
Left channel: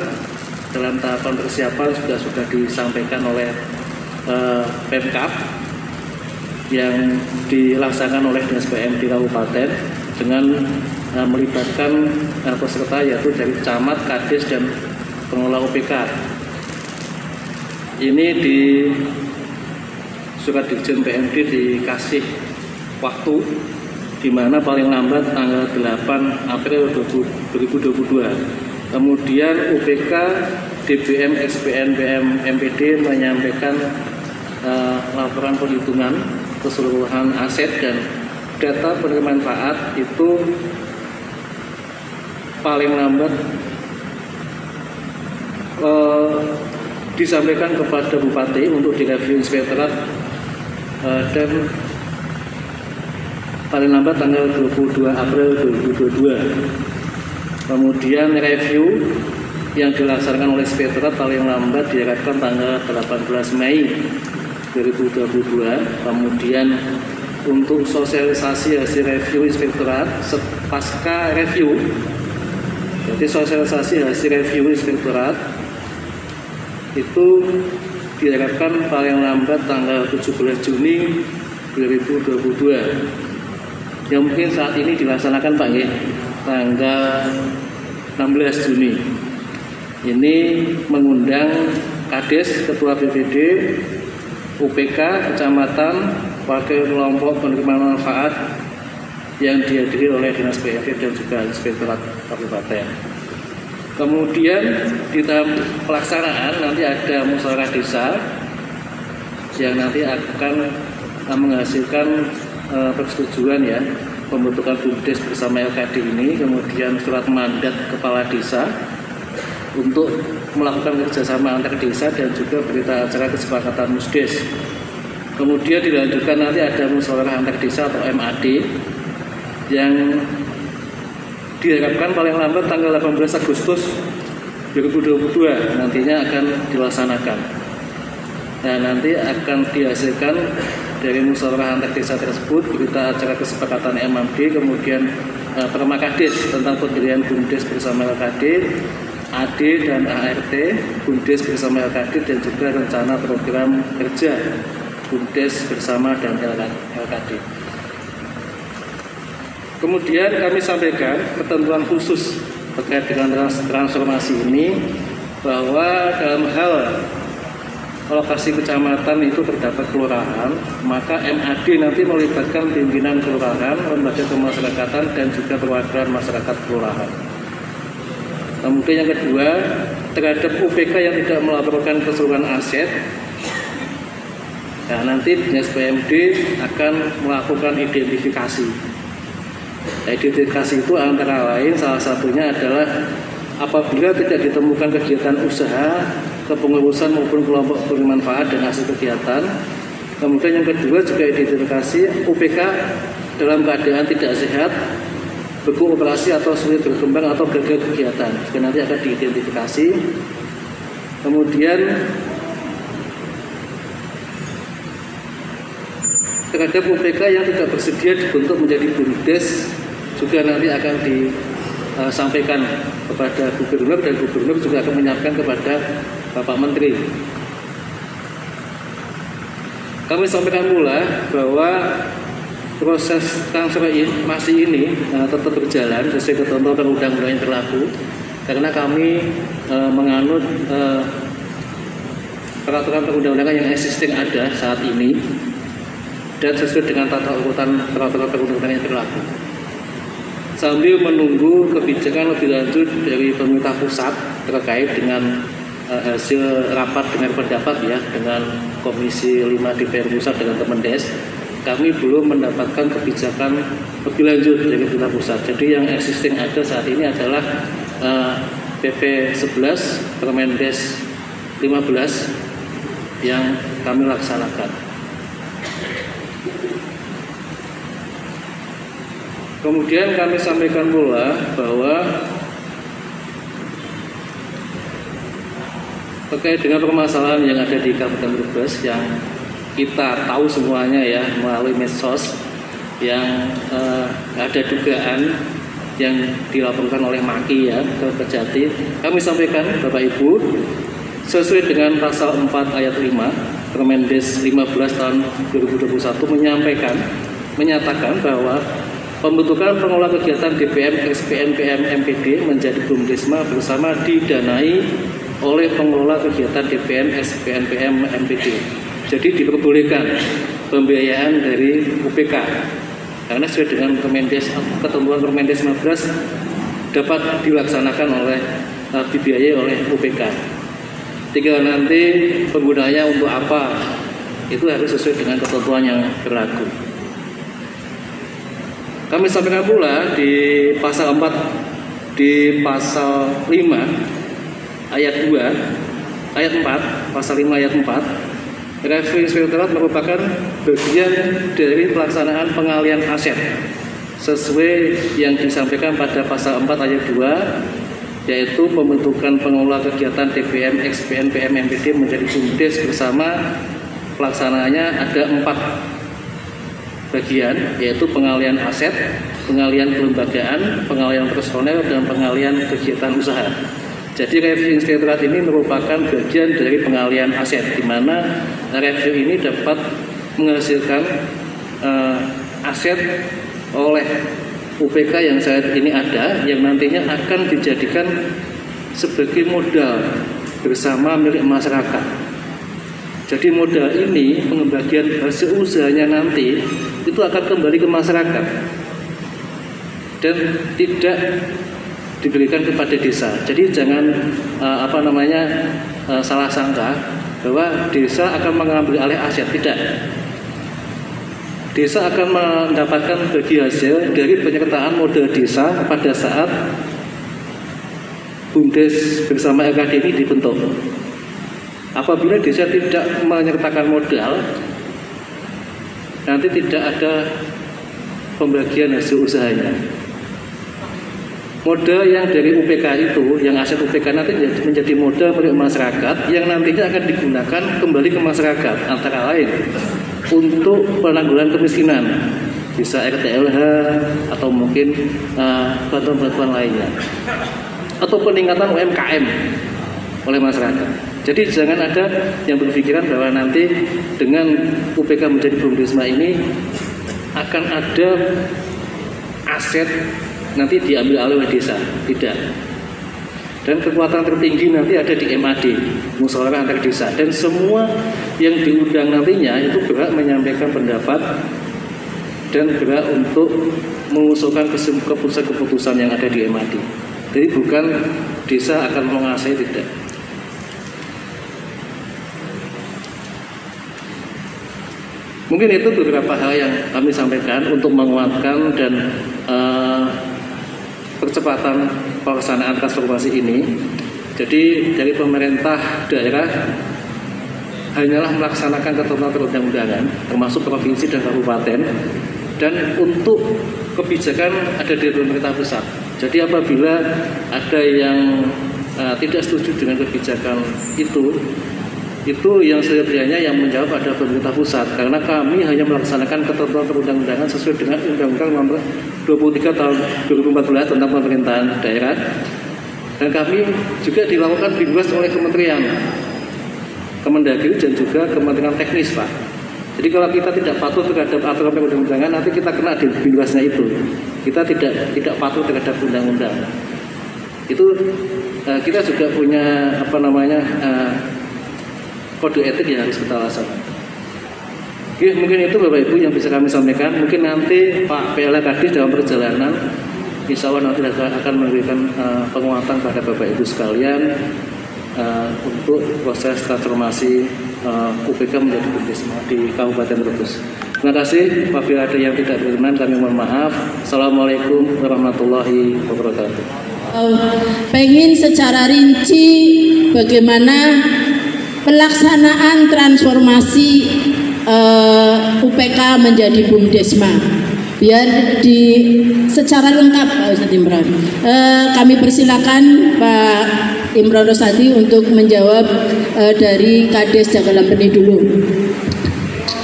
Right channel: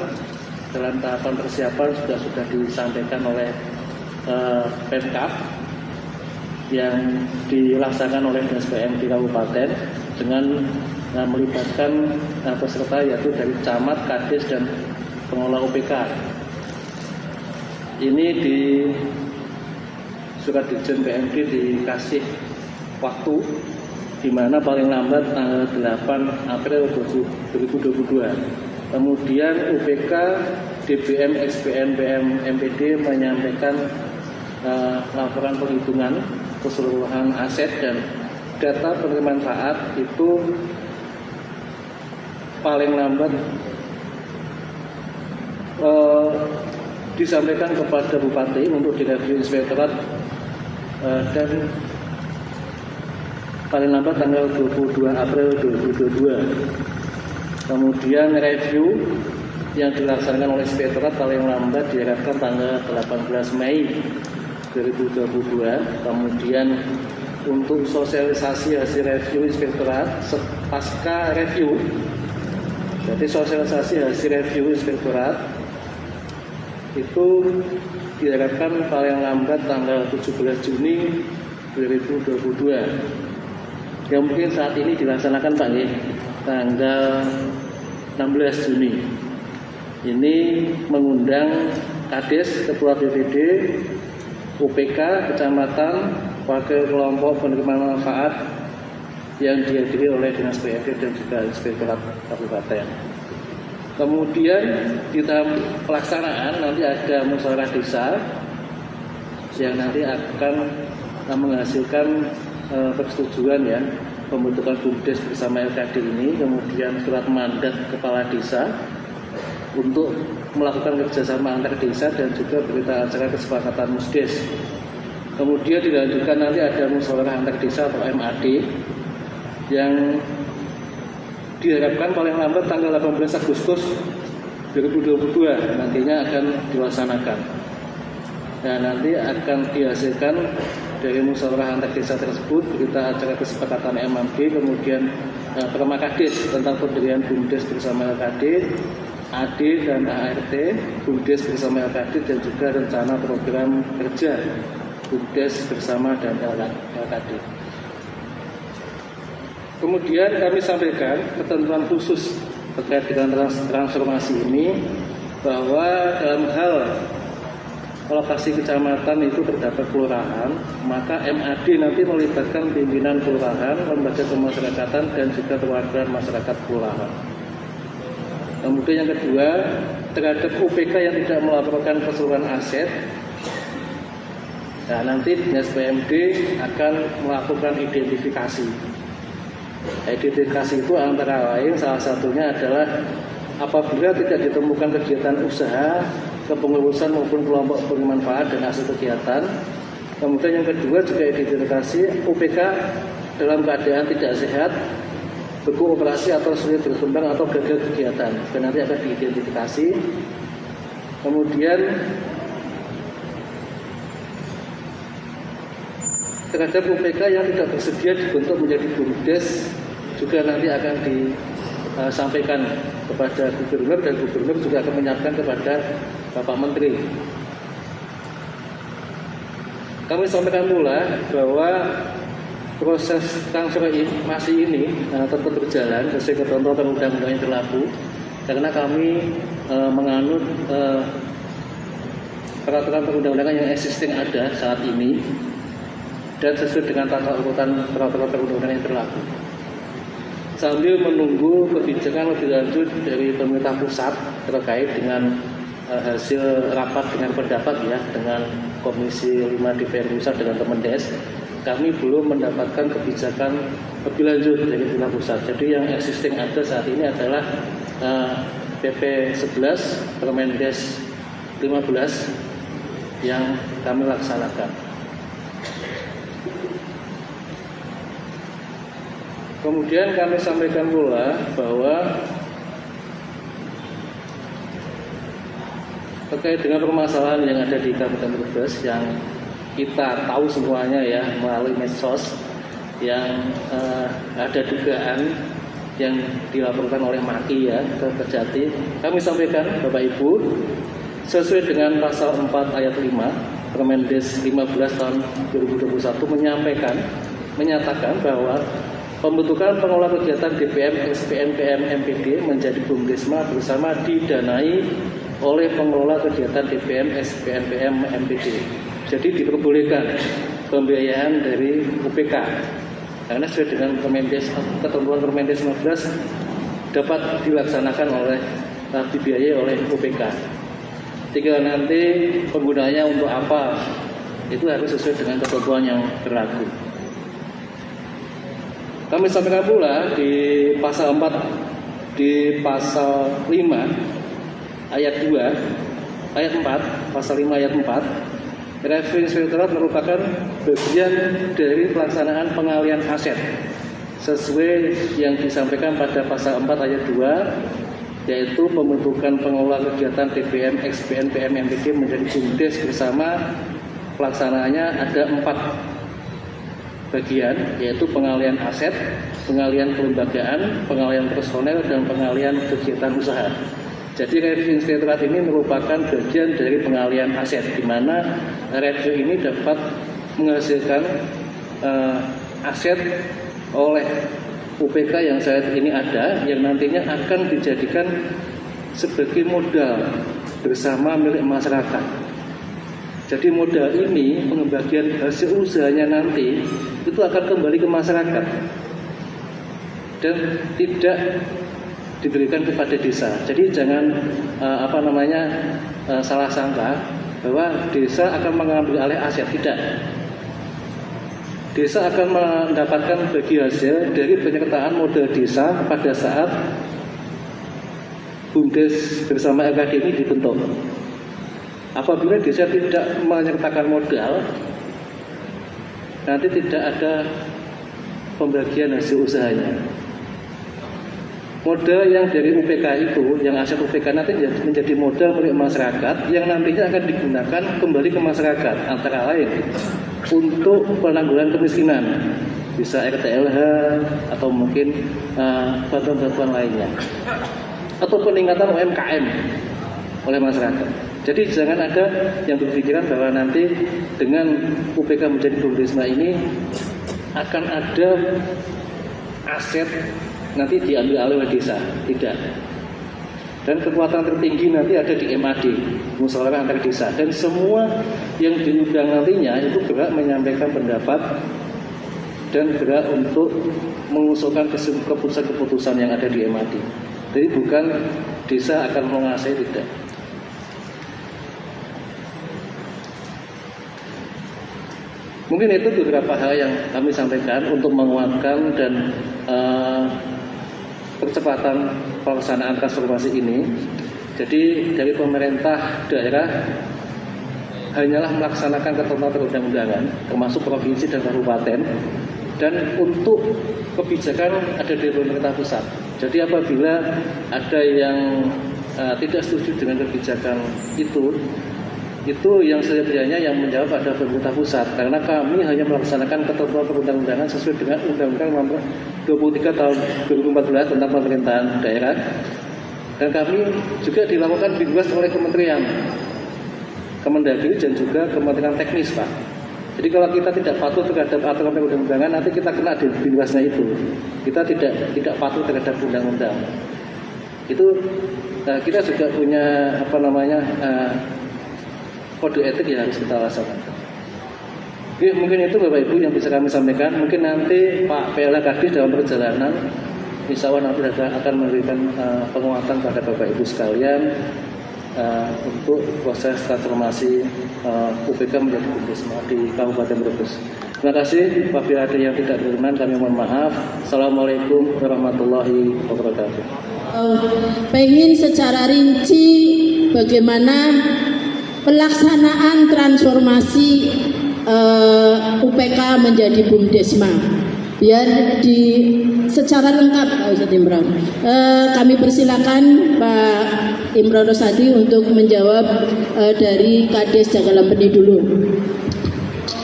dalam tahapan persiapan sudah disampaikan oleh Pemkab yang dilaksanakan oleh Dinas PMD Kabupaten dengan melibatkan peserta yaitu dari camat, kades, dan pengelola UPK. Ini di Surat Dirjen PMD dikasih waktu di mana paling lambat tanggal 8 April 2022. Kemudian UPK, DBM, XPN, PM, MPD menyampaikan laporan perhitungan keseluruhan aset dan data penerima manfaat itu paling lambat disampaikan kepada Bupati untuk direview inspektorat dan paling lambat tanggal 22 April 2022. Kemudian review yang dilaksanakan oleh inspektorat paling lambat diharapkan tanggal 18 Mei 2022. Kemudian untuk sosialisasi hasil review inspektorat pasca review, jadi sosialisasi hasil review inspektorat itu diharapkan paling lambat tanggal 17 Juni 2022. Yang mungkin saat ini dilaksanakan Pak ya, tanggal 16 Juni. Ini mengundang Kades, Ketua BPD, UPK, Kecamatan, Wakil Kelompok Penerima Manfaat yang dihadiri oleh Dinas PMD dan juga Inspektorat Kabupaten. Kemudian di tahap pelaksanaan nanti ada musyawarah desa yang nanti akan menghasilkan persetujuan ya pembentukan BUMDes bersama LKD ini, kemudian surat mandat kepala desa untuk melakukan kerjasama antar desa dan juga berita acara kesepakatan musdes. Kemudian dilanjutkan nanti ada musyawarah antar desa atau MAD yang diharapkan paling lambat tanggal 18 Agustus 2022 nantinya akan dilaksanakan. Nah, nanti akan dihasilkan dari musyawarah antar desa tersebut berita acara kesepakatan MAD, kemudian permakades tentang pendirian BUMDes bersama LKD, AD dan ART, BUMDes bersama LKD, dan juga rencana program kerja BUMDes bersama dan LKD. Kemudian kami sampaikan ketentuan khusus terkait dengan transformasi ini, bahwa dalam hal lokasi kecamatan itu terdapat kelurahan, maka MAD nanti melibatkan pimpinan kelurahan, lembaga kemasyarakatan, dan juga perwakilan masyarakat kelurahan. Kemudian yang kedua, terhadap UPK yang tidak melaporkan keseluruhan aset, nah nanti Dinas PMD akan melakukan identifikasi. Identifikasi itu antara lain salah satunya adalah apabila tidak ditemukan kegiatan usaha, kepengurusan maupun kelompok penerima manfaat dan hasil kegiatan. Kemudian yang kedua juga identifikasi UPK dalam keadaan tidak sehat, beku operasi atau sulit berkembang atau gagal kegiatan. Juga nanti akan diidentifikasi. Kemudian terhadap UPK yang tidak bersedia dibentuk menjadi BUMDes juga nanti akan disampaikan kepada gubernur, dan gubernur juga akan menyampaikan kepada Bapak Menteri. Kami sampaikan pula bahwa proses transformasi ini tetap berjalan sesuai ketentuan undang-undang yang berlaku, karena kami menganut peraturan perundang-undangan yang existing ada saat ini dan sesuai dengan tata urutan peraturan perundang-undangan yang berlaku. Sambil menunggu kebijakan lebih lanjut dari pemerintah pusat terkait dengan hasil rapat dengar pendapat ya dengan Komisi 5 DPR Pusat dengan Kemendes, kami belum mendapatkan kebijakan lebih lanjut dari pemerintah pusat. Jadi yang existing ada saat ini adalah PP 11 Permendes 15 yang kami laksanakan. Kemudian kami sampaikan pula bahwa terkait dengan permasalahan yang ada di Kabupaten Brebes yang kita tahu semuanya ya melalui medsos, yang ada dugaan yang dilaporkan oleh Maki ya ke Kejati. Kami sampaikan Bapak Ibu, sesuai dengan pasal 4 ayat 5 Permendes 15 tahun 2021 menyatakan bahwa pembentukan pengelola kegiatan DPM, SPN, PM, MPD menjadi BUMDesma bersama didanai oleh pengelola kegiatan DPM, SPN, PM, MPD. Jadi diperbolehkan pembiayaan dari UPK karena sesuai dengan ketentuan Permendes 15 dapat dilaksanakan dibiayai oleh UPK. Tinggal nanti penggunanya untuk apa itu harus sesuai dengan ketentuan yang berlaku. Kami sampaikan pula di pasal 4 di pasal 5 ayat 2 ayat 4 pasal 5 ayat 4, Review Inspektorat merupakan bagian dari pelaksanaan pengalihan aset sesuai yang disampaikan pada pasal 4 ayat 2, yaitu pembentukan pengelola kegiatan DPM, XPN, PM, MPD menjadi BUMDes bersama. Pelaksanaannya ada 4 bagian, yaitu pengalihan aset, pengalihan kelembagaan, pengalihan personel, dan pengalihan kegiatan usaha. Jadi review inspektorat ini merupakan bagian dari pengalihan aset, di mana review ini dapat menghasilkan aset oleh UPK yang saat ini ada, yang nantinya akan dijadikan sebagai modal bersama milik masyarakat. Jadi modal ini, pembagian hasil usahanya nanti itu akan kembali ke masyarakat dan tidak diberikan kepada desa. Jadi jangan salah sangka bahwa desa akan mengambil alih aset, tidak. Desa akan mendapatkan bagi hasil dari penyertaan modal desa pada saat BUMDes bersama LKD ini dibentuk. Apabila desa tidak menyertakan modal, nanti tidak ada pembagian hasil usahanya. Modal yang dari UPK itu, yang aset UPK nanti menjadi modal milik masyarakat yang nantinya akan digunakan kembali ke masyarakat, antara lain untuk penanggulangan kemiskinan, bisa RTLH atau mungkin bantuan-bantuan lainnya, atau peningkatan UMKM oleh masyarakat. Jadi jangan ada yang berpikiran bahwa nanti dengan UPK menjadi BUMDesma ini akan ada aset nanti diambil alih oleh desa, tidak. Dan kekuatan tertinggi nanti ada di MAD, musyawarah antar desa, dan semua yang diundang nantinya itu berhak menyampaikan pendapat dan berhak untuk mengusulkan keputusan-keputusan yang ada di MAD. Jadi bukan desa akan menguasai, tidak. Mungkin itu beberapa hal yang kami sampaikan untuk menguatkan dan percepatan pelaksanaan transformasi ini. Jadi dari pemerintah daerah hanyalah melaksanakan ketentuan perundang-undangan termasuk provinsi dan kabupaten, dan untuk kebijakan ada di pemerintah pusat. Jadi apabila ada yang tidak setuju dengan kebijakan itu yang sebenarnya yang menjawab pada pemerintah pusat, karena kami hanya melaksanakan ketentuan perundang-undangan sesuai dengan Undang-Undang Nomor 23 Tahun 2014 tentang pemerintahan daerah Dan kami juga dilakukan binwas oleh Kementerian Kemendagri dan juga Kementerian Teknis, Pak. Jadi kalau kita tidak patuh terhadap aturan perundang-undangan, nanti kita kena di binwasnya itu. Kita tidak patuh terhadap undang-undang. Itu kita juga punya kode etik yang harus kita laksanakan. Oke, mungkin itu Bapak Ibu yang bisa kami sampaikan. Mungkin nanti Pak PLH Kadis dalam perjalanan, insya Allah nanti akan memberikan penguatan pada Bapak Ibu sekalian untuk proses transformasi UPK menjadi BUMDesma di Kabupaten Brebes. Terima kasih. Apabila ada yang tidak berkenan, kami mohon maaf. Assalamualaikum warahmatullahi wabarakatuh. Pengen secara rinci bagaimana pelaksanaan transformasi UPK menjadi BUMDesma, biar secara lengkap Pak Ustadz Imron. Kami persilakan Pak Imron Rosadi untuk menjawab dari Kades Jagalempeni dulu.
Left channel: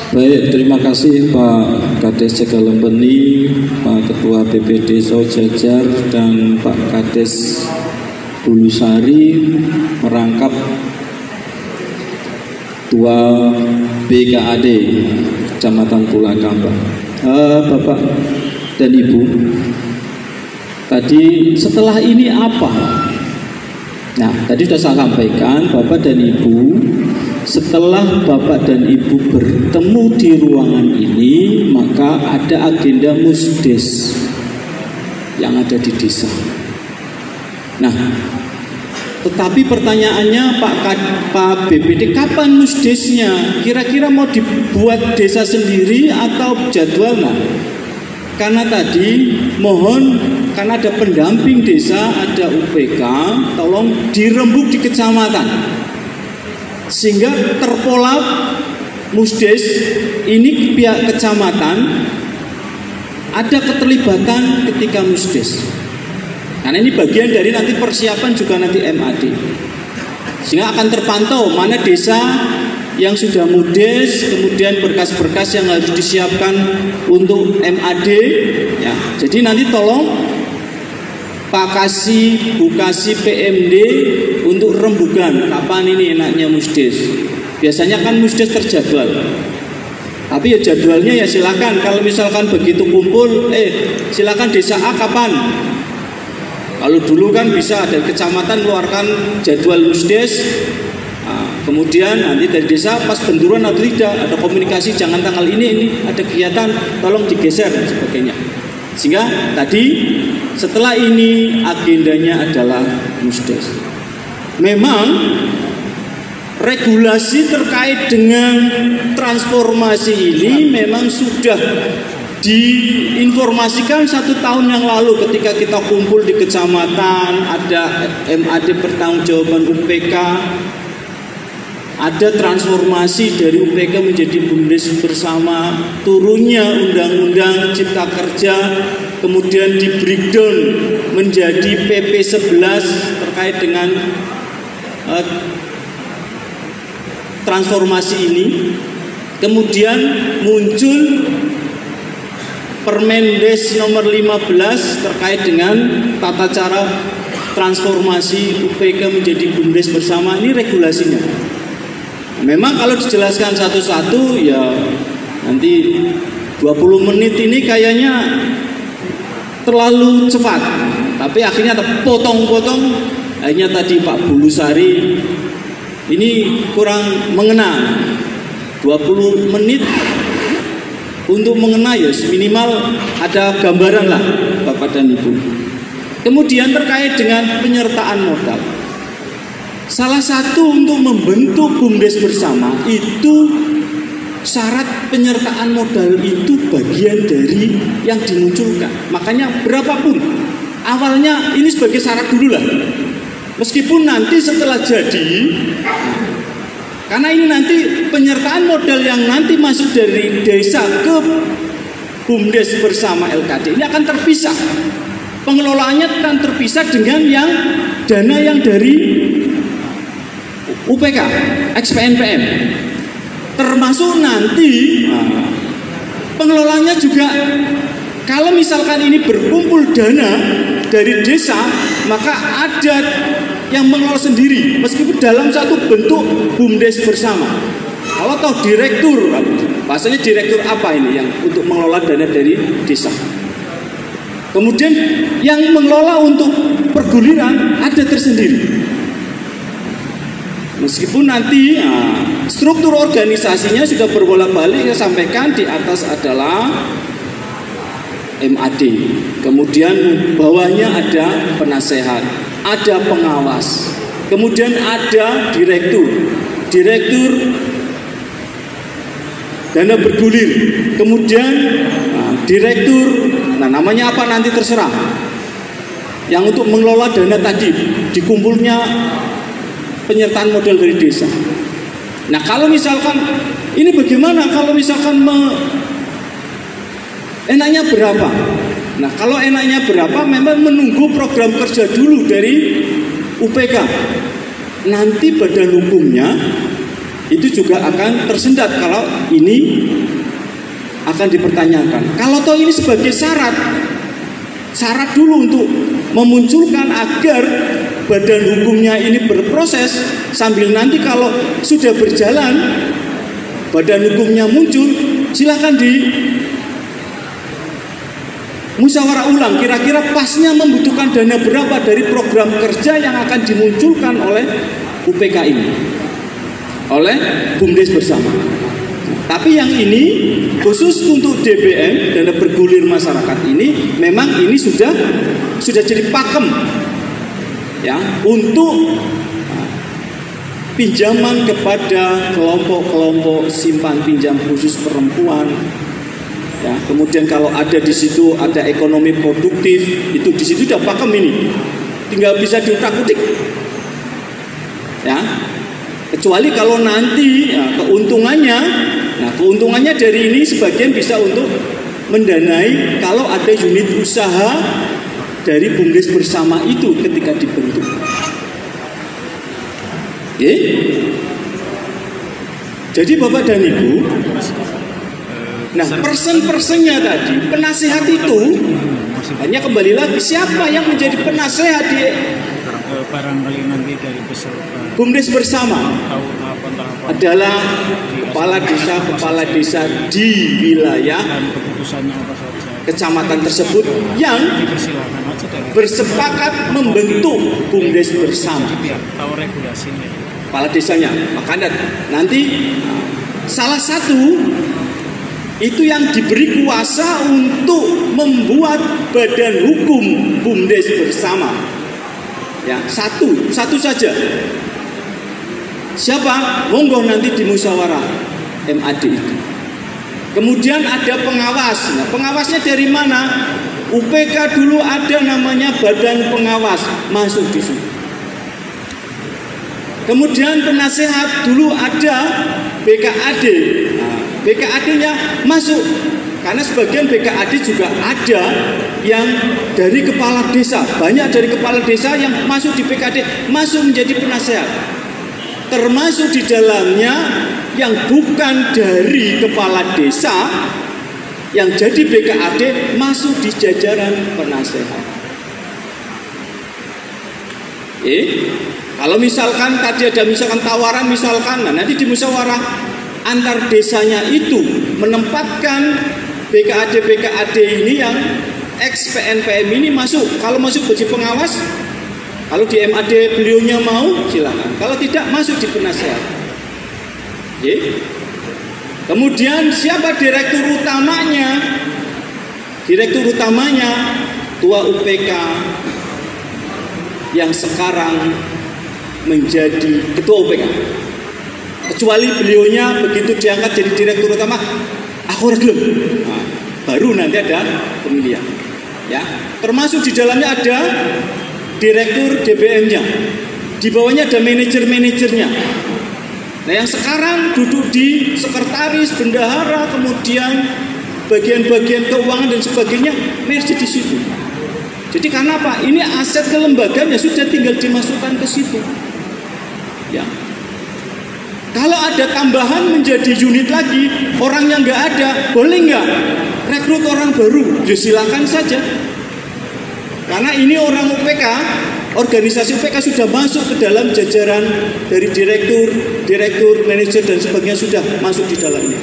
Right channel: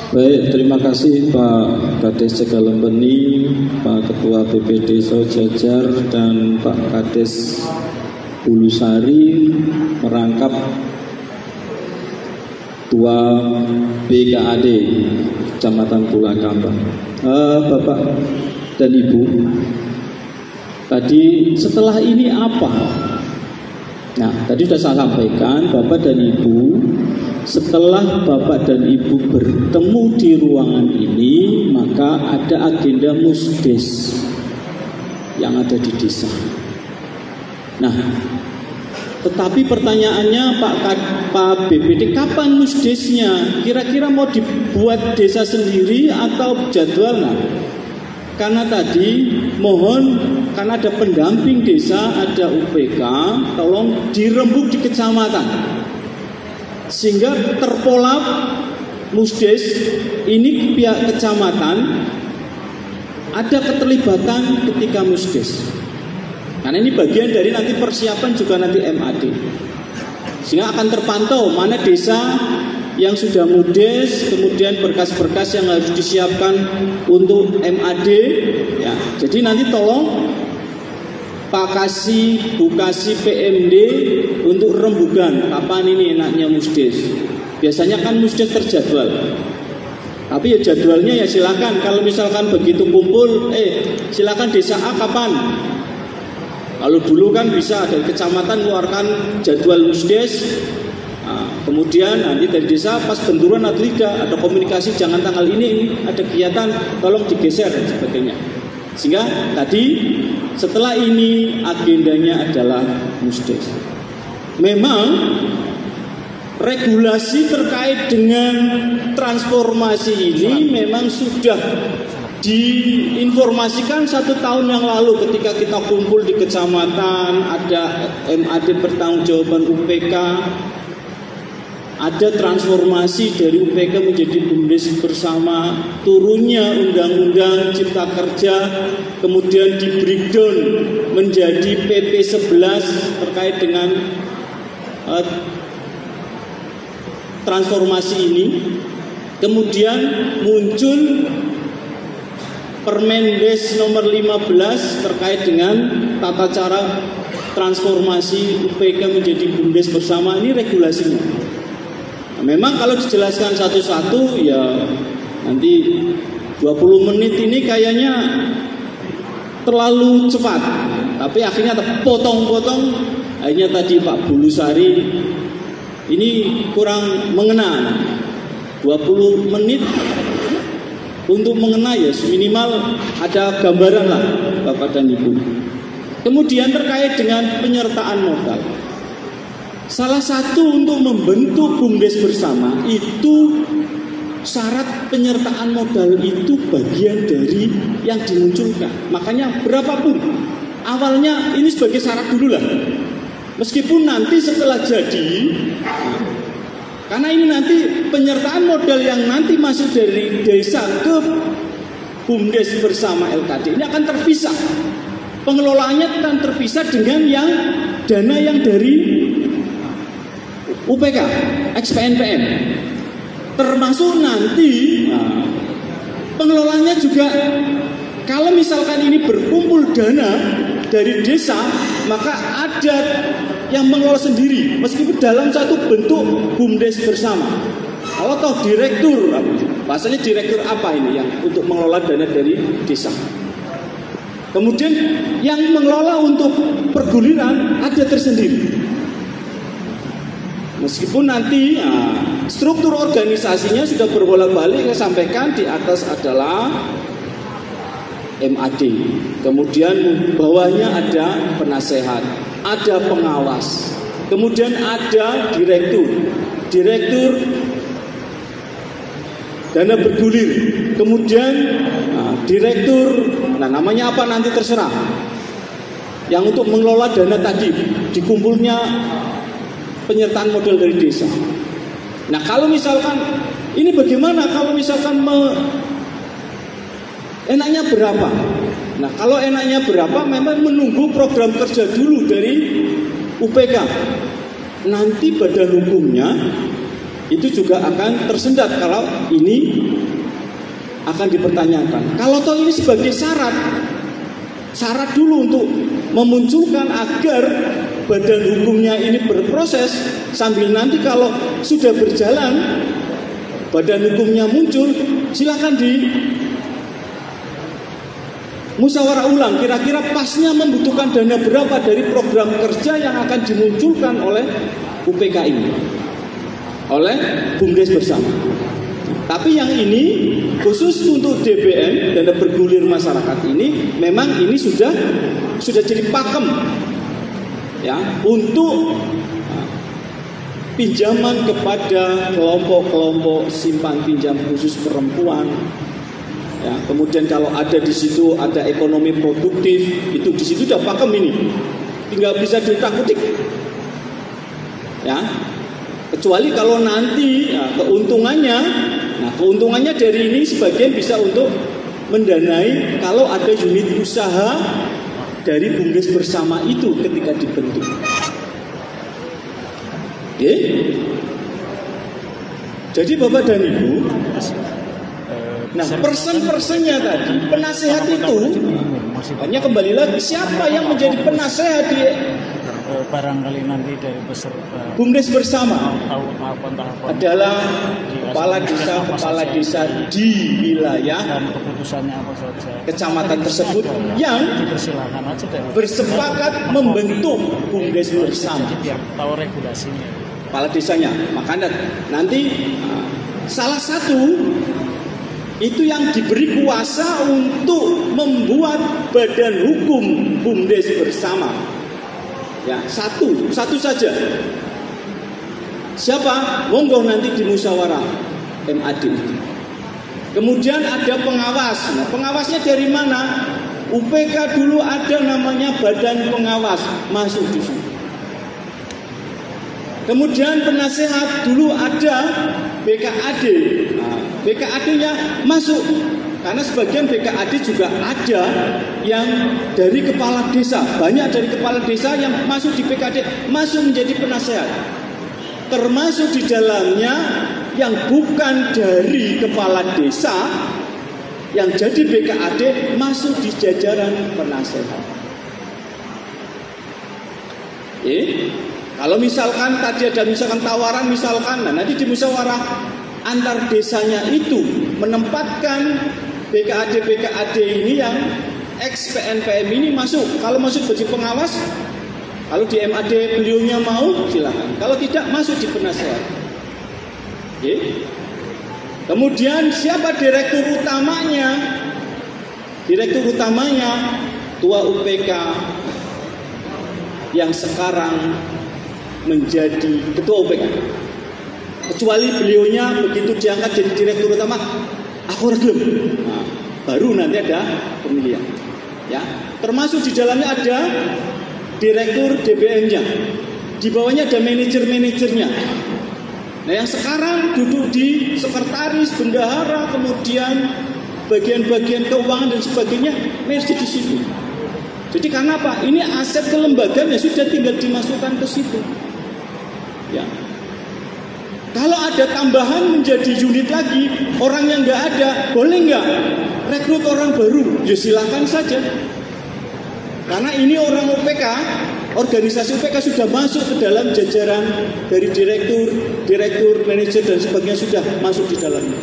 Baik, terima kasih Pak Kades Jagalempeni, Pak Ketua BPD Sojajar, dan Pak Kades Bulusari merangkap Ketua BKAD Kecamatan Pulakamba. Bapak dan Ibu, tadi setelah ini apa? Nah, tadi sudah saya sampaikan, Bapak dan Ibu, setelah Bapak dan Ibu bertemu di ruangan ini, maka ada agenda musdes yang ada di desa. Nah, tetapi pertanyaannya Pak BPD, kapan musdesnya? Kira-kira mau dibuat desa sendiri atau jadwalnya? Karena tadi mohon, karena ada pendamping desa, ada UPK, tolong dirembuk di kecamatan, sehingga terpolap musdes ini pihak kecamatan ada keterlibatan ketika musdes. Karena ini bagian dari nanti persiapan juga nanti MAD, sehingga akan terpantau mana desa yang sudah mudes, kemudian berkas-berkas yang harus disiapkan untuk MAD. Ya, jadi nanti tolong Pak Kasih, Bu Kasih, PMD untuk rembukan kapan ini enaknya musdes. Biasanya kan musdes terjadwal, tapi ya jadwalnya ya silakan. Kalau misalkan begitu kumpul, silakan desa A kapan. Kalau dulu kan bisa dari kecamatan keluarkan jadwal musdes, kemudian nanti dari desa pas benturan atau tidak ada komunikasi, jangan tanggal ini ada kegiatan, tolong digeser dan sebagainya. Sehingga tadi setelah ini agendanya adalah musdes. Memang regulasi terkait dengan transformasi ini memang sudah diinformasikan 1 tahun yang lalu ketika kita kumpul di kecamatan, ada MAD pertanggungjawaban UPK, ada transformasi dari UPK menjadi BUMDes bersama, turunnya Undang-Undang Cipta Kerja, kemudian di breakdown menjadi PP 11 terkait dengan transformasi ini. Kemudian muncul Permendes nomor 15 terkait dengan tata cara transformasi UPK menjadi BUMDes bersama. Ini regulasinya. Memang kalau dijelaskan satu-satu ya nanti 20 menit ini kayaknya terlalu cepat. Tapi akhirnya terpotong-potong. Akhirnya tadi Pak Bulusari ini kurang mengena. 20 menit untuk mengena ya minimal ada gambaran lah Bapak dan Ibu. Kemudian terkait dengan penyertaan modal, salah satu untuk membentuk BUMDes bersama itu syarat penyertaan modal itu bagian dari yang dimunculkan. Makanya berapapun awalnya ini sebagai syarat dulu lah, meskipun nanti setelah jadi, karena ini nanti penyertaan modal yang nanti masuk dari desa ke BUMDes bersama LKD ini akan terpisah. Pengelolaannya akan terpisah dengan yang dana yang dari UPK, ex-PNPM. Termasuk nanti pengelolaannya juga, kalau misalkan ini berkumpul dana dari desa, maka ada yang mengelola sendiri meskipun dalam satu bentuk BUMDes bersama. Kalau toh direktur, bahasanya direktur apa ini yang untuk mengelola dana dari desa. Kemudian yang mengelola untuk perguliran ada tersendiri. Meskipun nanti struktur organisasinya sudah berbolak-balik, saya sampaikan di atas adalah MAD, kemudian bawahnya ada penasehat, ada pengawas, kemudian ada direktur dana bergulir, kemudian direktur, namanya apa nanti terserah, yang untuk mengelola dana tadi, dikumpulnya penyertaan modal dari desa. Nah kalau misalkan ini bagaimana kalau misalkan enaknya berapa? Nah kalau enaknya berapa memang menunggu program kerja dulu dari UPK. Nanti badan hukumnya itu juga akan tersendat kalau ini akan dipertanyakan. Kalau toh ini sebagai syarat dulu untuk memunculkan agar badan hukumnya ini berproses, sambil nanti kalau sudah berjalan badan hukumnya muncul, silakan di musyawarah ulang kira-kira pasnya membutuhkan dana berapa dari program kerja yang akan dimunculkan oleh UPK ini, oleh BUMDes bersama. Tapi yang ini khusus untuk DBM, dana bergulir masyarakat ini, memang ini sudah jadi pakem ya untuk pinjaman kepada kelompok-kelompok simpan pinjam khusus perempuan. Ya, kemudian kalau ada di situ ada ekonomi produktif, itu di situ udah pakem ini, tinggal bisa diutak-utik. Ya, kecuali kalau nanti keuntungannya dari ini sebagian bisa untuk mendanai kalau ada unit usaha dari BUMDes bersama itu ketika dibentuk. Jadi Bapak dan Ibu, nah persen-persennya tadi, penasehat itu hanya kembali lagi siapa yang menjadi penasehat di barangkali nanti dari peserta BUMDes bersama adalah kepala desa di wilayah kecamatan tersebut yang bersepakat membentuk BUMDes bersama. Kepala desanya, makanya nanti salah satu itu yang diberi kuasa untuk membuat badan hukum BUMDes bersama. Ya, satu saja. Siapa? Monggo nanti di musyawarah MAD itu. Kemudian ada pengawas. Nah, pengawasnya dari mana? UPK dulu ada namanya badan pengawas, masuk di situ. Kemudian penasehat dulu ada BKAD. Nah, BKAD-nya masuk. Karena sebagian BKAD juga ada yang dari kepala desa. Banyak dari kepala desa yang masuk di BKAD, masuk menjadi penasehat. Termasuk di dalamnya yang bukan dari kepala desa, yang jadi BKAD masuk di jajaran penasehat. Kalau misalkan tadi ada misalkan tawaran misalkan, nah nanti di musyawarah antar desanya itu menempatkan BKAD ini yang ex PNPM ini masuk. Kalau masuk jadi pengawas, kalau di MAD beliaunya mau silakan. Kalau tidak masuk di penasehat. Kemudian siapa direktur utamanya? Direktur utamanya Tua UPK yang sekarang menjadi ketua UPK. Kecuali beliaunya begitu diangkat jadi direktur utama, aku harus belum. Nah, baru nanti ada pemilihan. Ya, termasuk di dalamnya ada direktur DBM-nya. Di bawahnya ada manajer-manajernya. Nah, yang sekarang duduk di sekretaris, bendahara, kemudian bagian-bagian keuangan dan sebagainya masih di situ. Jadi karena apa? Ini aset kelembagaan ya sudah tinggal dimasukkan ke situ. Ya. Kalau ada tambahan menjadi unit lagi, orang yang nggak ada, boleh nggak rekrut orang baru? Ya silakan saja. Karena ini orang UPK organisasi UPK sudah masuk ke dalam jajaran dari direktur, manajer dan sebagainya sudah masuk di dalamnya.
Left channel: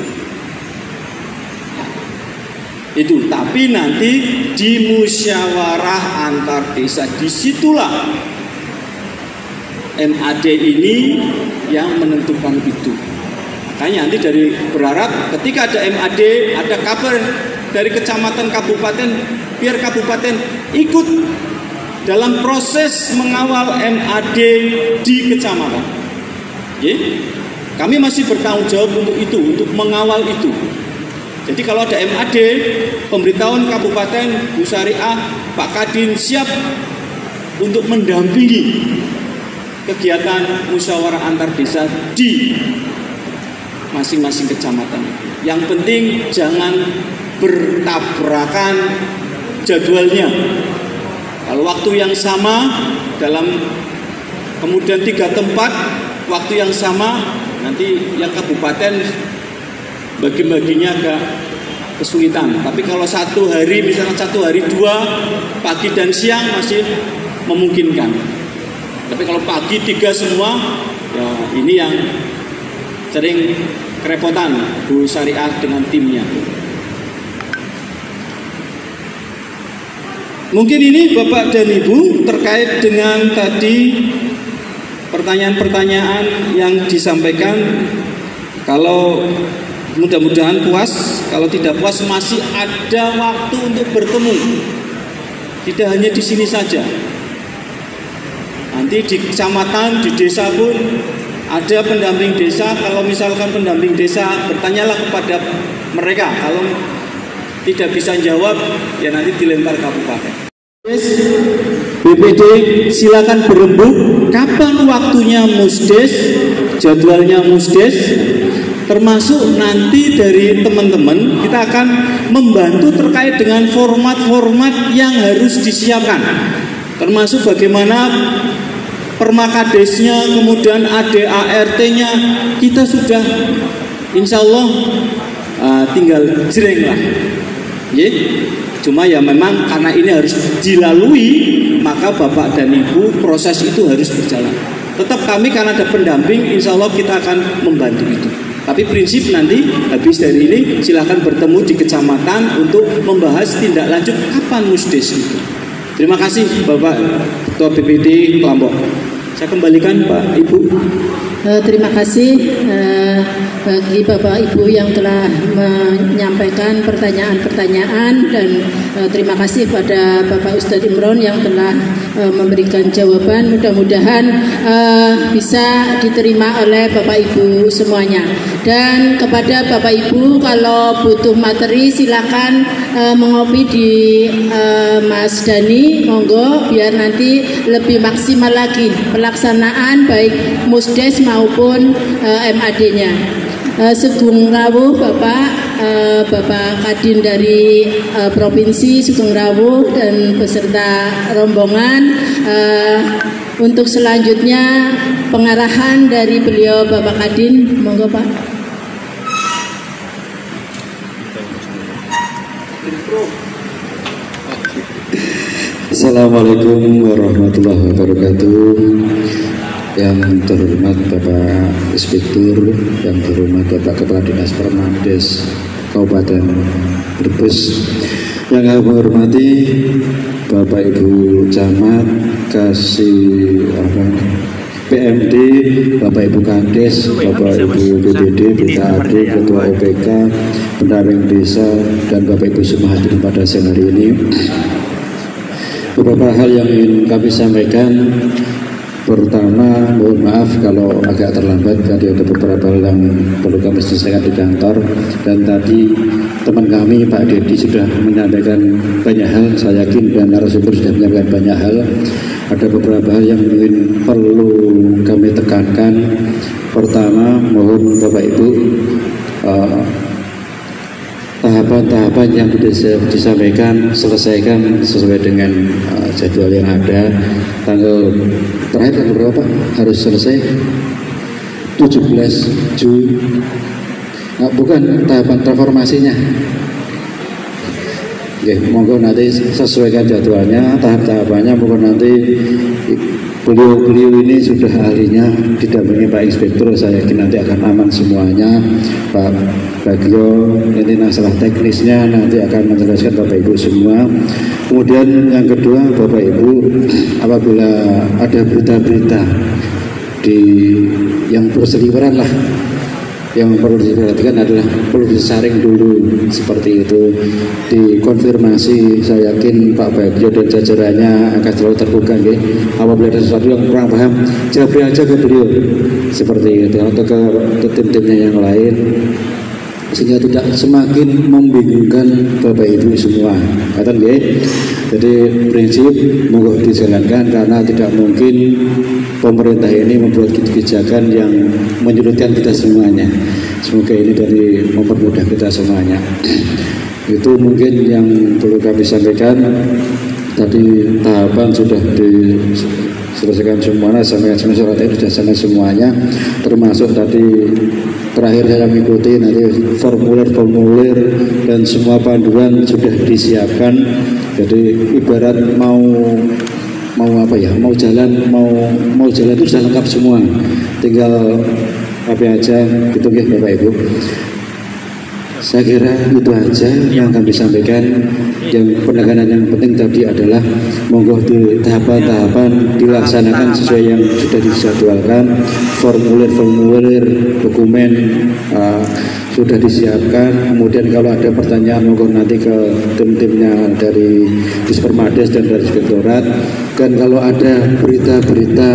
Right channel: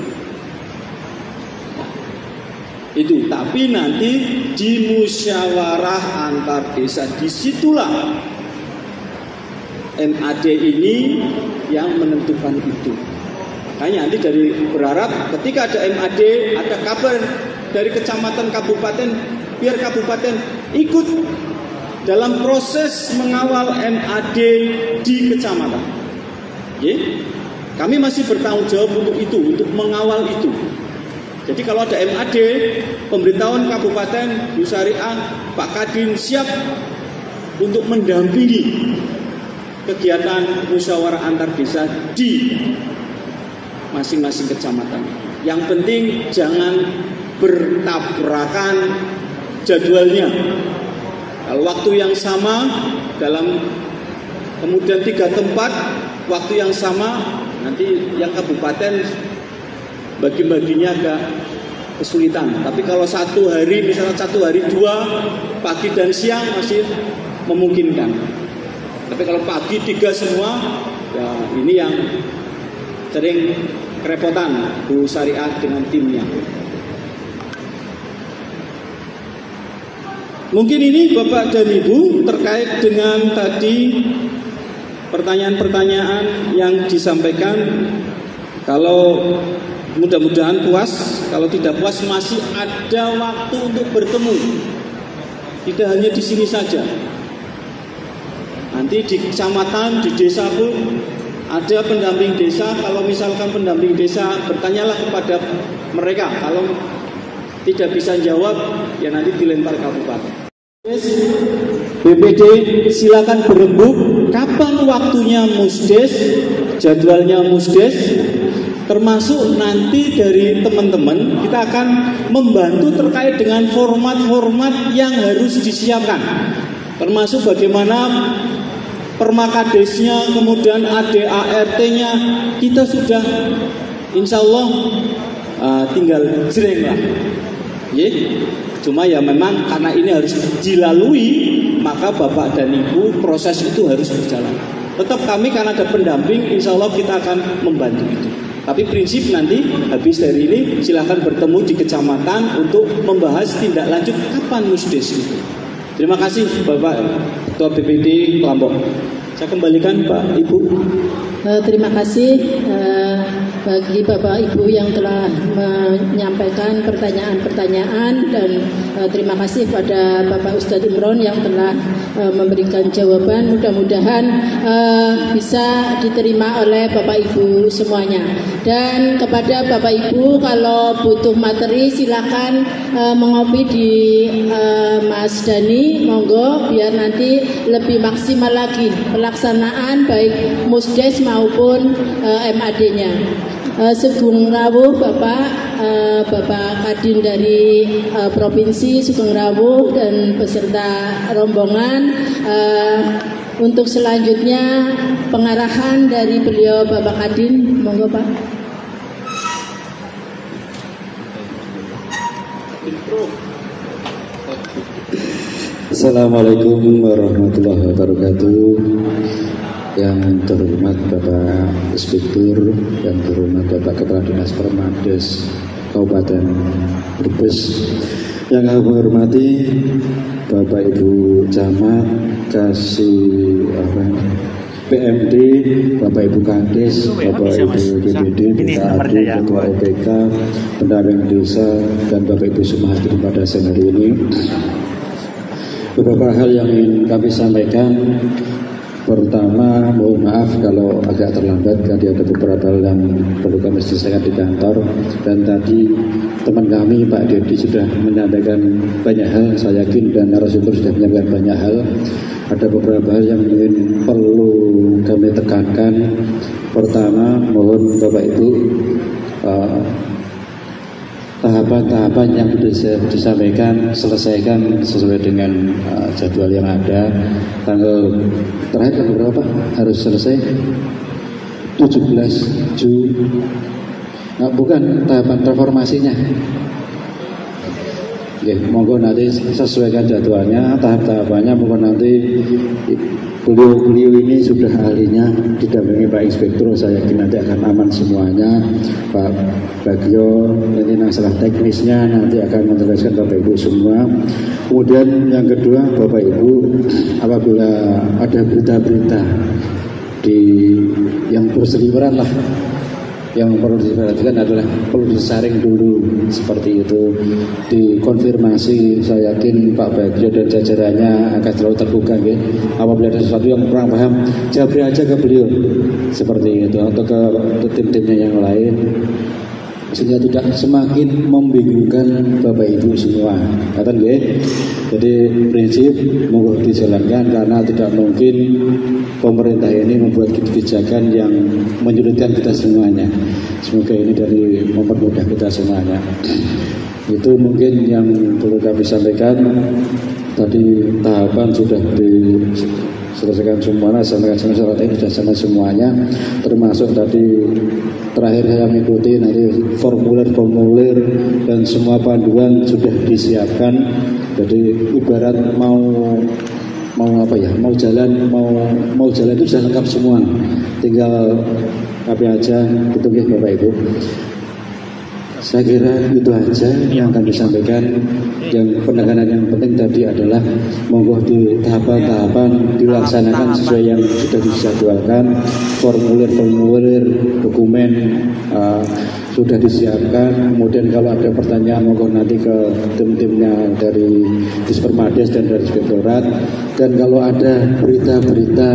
Itu, tapi nanti di musyawarah antar desa, disitulah MAD ini yang menentukan itu. Makanya nanti dari berharap ketika ada MAD, ada kabar dari kecamatan, kabupaten, biar kabupaten ikut dalam proses mengawal MAD di kecamatan. Kami masih bertanggung jawab untuk itu, untuk mengawal itu. Jadi kalau ada MAD, pemberitahuan kabupaten, Bu Syariah, Pak Kadin siap untuk mendampingi kegiatan musyawarah antar desa di masing-masing kecamatan. Yang penting jangan bertabrakan jadwalnya. Kalau waktu yang sama dalam kemudian 3 tempat waktu yang sama, nanti yang kabupaten bagi-baginya agak kesulitan. Tapi kalau 1 hari, misalnya 1 hari 2 pagi dan siang masih memungkinkan. Tapi kalau pagi 3 semua, ya ini yang sering kerepotan Bu Syariah dengan timnya. Mungkin ini Bapak dan Ibu terkait dengan tadi pertanyaan-pertanyaan yang disampaikan. Kalau mudah-mudahan puas, kalau tidak puas masih ada waktu untuk bertemu. Tidak hanya di sini saja. Nanti di kecamatan, di desa pun ada pendamping desa. Kalau misalkan pendamping desa, bertanyalah kepada mereka. Kalau tidak bisa jawab, ya nanti dilempar kabupaten. BPD silakan berembuk kapan waktunya musdes, jadwalnya musdes, termasuk nanti dari teman-teman kita akan membantu terkait dengan format-format yang harus disiapkan, termasuk bagaimana permakadesnya, kemudian ADART-nya kita sudah insya Allah tinggal jreng lah. Cuma ya memang karena ini harus dilalui, maka Bapak dan Ibu proses itu harus berjalan. Tetap kami karena ada pendamping, insya Allah kita akan membantu itu. Tapi prinsip nanti habis dari ini silakan bertemu di kecamatan untuk membahas tindak lanjut kapan musdes itu. Terima kasih Bapak Ketua BPD Kelompok. Saya kembalikan Pak Ibu. Terima kasih bagi Bapak Ibu yang telah menyampaikan pertanyaan-pertanyaan, dan terima kasih pada Bapak Ustadz Imron yang telah memberikan jawaban. Mudah-mudahan bisa diterima oleh Bapak Ibu semuanya. Dan kepada Bapak Ibu, kalau butuh materi silakan mengopi di Mas Dani, monggo, biar nanti lebih maksimal lagi pelaksanaan baik musdes maupun MAD-nya. Sugeng Rawuh Bapak Kadin dari Provinsi Sugeng Rawuh dan beserta rombongan. Untuk selanjutnya pengarahan dari beliau Bapak Kadin, monggo Pak. Assalamualaikum warahmatullahi wabarakatuh. Yang terhormat Bapak Inspektur, yang terhormat Bapak Kepala Dinas Permades Kabupaten Brebes, yang kami hormati Bapak Ibu Camat, Kasih PMD, Bapak Ibu Kades, Bapak Ibu BPD, BKAD, Ketua UPK, pendamping desa, dan Bapak Ibu semua hadir pada siang hari ini. Beberapa hal yang ingin kami sampaikan. Pertama, mohon maaf kalau agak terlambat, tadi ada beberapa hal yang perlu kami selesaikan di kantor. Dan tadi teman kami Pak Dedi sudah menyampaikan banyak hal, saya yakin, dan narasumber sudah menyampaikan banyak hal. Ada beberapa hal yang ingin perlu kami tekankan. Pertama, mohon Bapak Ibu tahapan-tahapan yang disampaikan selesaikan sesuai dengan jadwal yang ada. Terakhir berapa harus selesai? 17 Juli. Bukan tahapan transformasinya. Oke, monggo nanti sesuaikan jadwalnya, tahap-tahapannya, monggo nanti beliau ini sudah ahlinya didampingi Pak Inspektur, saya yakin nanti akan aman semuanya. Pak Bagio ini masalah teknisnya nanti akan menjelaskan Bapak Ibu semua. Kemudian yang kedua, Bapak Ibu, apabila ada berita-berita yang berseliweran lah, yang perlu diperhatikan adalah perlu disaring dulu seperti itu, dikonfirmasi. Saya yakin Pak Bagio dan jajarannya akan selalu terbuka nggih. Apabila ada sesuatu yang kurang paham, jawab aja ke beliau seperti itu, atau ke tim-timnya yang lain, sehingga tidak semakin membingungkan Bapak Ibu semua. Kata nggih. Jadi prinsip monggo dijalankan, karena tidak mungkin pemerintah ini membuat kebijakan yang menyulitkan kita semuanya. Semoga ini dari mempermudah kita semuanya. Itu mungkin yang perlu kami sampaikan. Tadi tahapan sudah diselesaikan semuanya, sampai surat ini sudah sama semuanya, termasuk tadi terakhir saya mengikuti nanti formulir dan semua panduan sudah disiapkan. Jadi ibarat mau apa ya, mau jalan itu sudah lengkap semua, tinggal apa aja gitu ya Bapak Ibu. Saya kira itu aja yang kami sampaikan. Yang penekanan yang penting tadi adalah monggo di tahapan-tahapan dilaksanakan sesuai yang sudah dijadwalkan. Formulir dokumen sudah disiapkan. Kemudian kalau ada pertanyaan monggo nanti ke tim-timnya dari Dispermades dan dari Inspektorat. Dan kalau ada berita-berita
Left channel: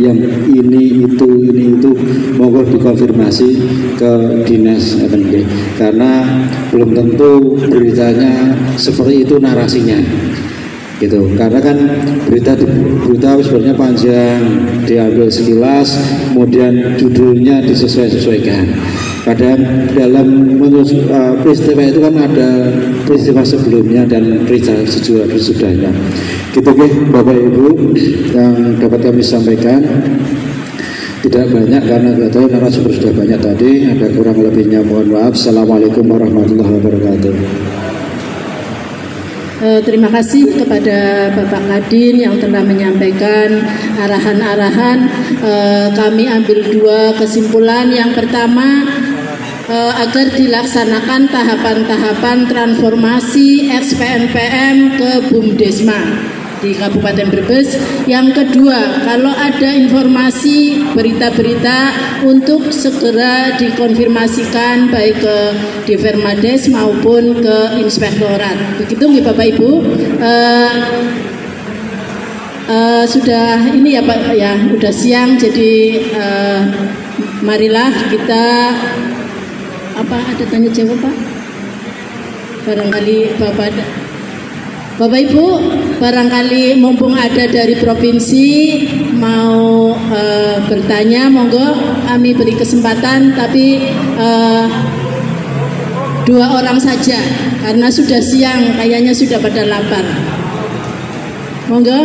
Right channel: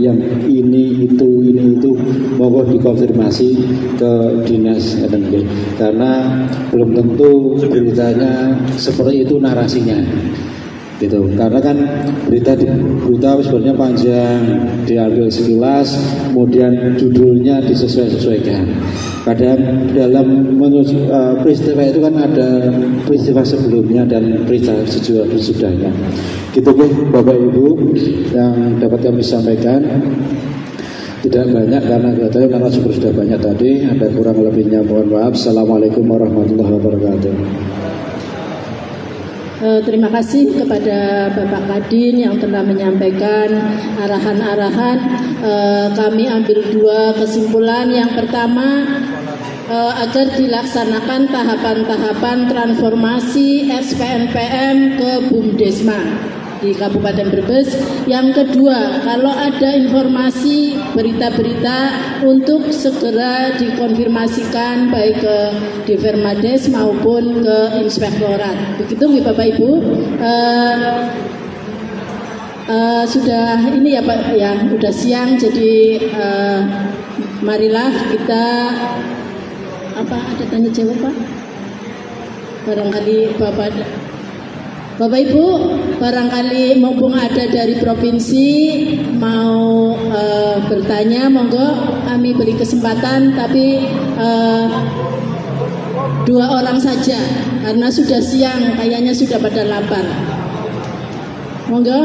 yang ini itu monggo dikonfirmasi ke dinas FNB, karena belum tentu beritanya seperti itu narasinya gitu. Karena kan berita sebenarnya panjang, diambil sekilas, kemudian judulnya disesuaikan. Kadang dalam peristiwa itu kan ada peristiwa sebelumnya dan peristiwa sesudahnya. Gitu ya Bapak Ibu yang dapat kami sampaikan. Tidak banyak karena tidak tahu narasumber sudah banyak tadi. Ada kurang lebihnya mohon maaf. Assalamualaikum warahmatullahi wabarakatuh. Terima kasih kepada Bapak Kadin yang telah menyampaikan arahan-arahan. Kami ambil dua kesimpulan. Yang pertama, agar dilaksanakan tahapan-tahapan transformasi SPNPM ke BUMDesma di Kabupaten Brebes. Yang kedua, kalau ada informasi berita-berita untuk segera dikonfirmasikan baik ke Dispermades maupun ke Inspektorat. Begitu nggih Bapak Ibu. Sudah ini ya Pak ya, udah siang, jadi marilah kita ada tanya jawab Pak. Barangkali Bapak Ibu, barangkali mumpung ada dari provinsi mau bertanya, monggo kami beri kesempatan, tapi 2 orang saja karena sudah siang, kayaknya sudah pada lapar. Monggo,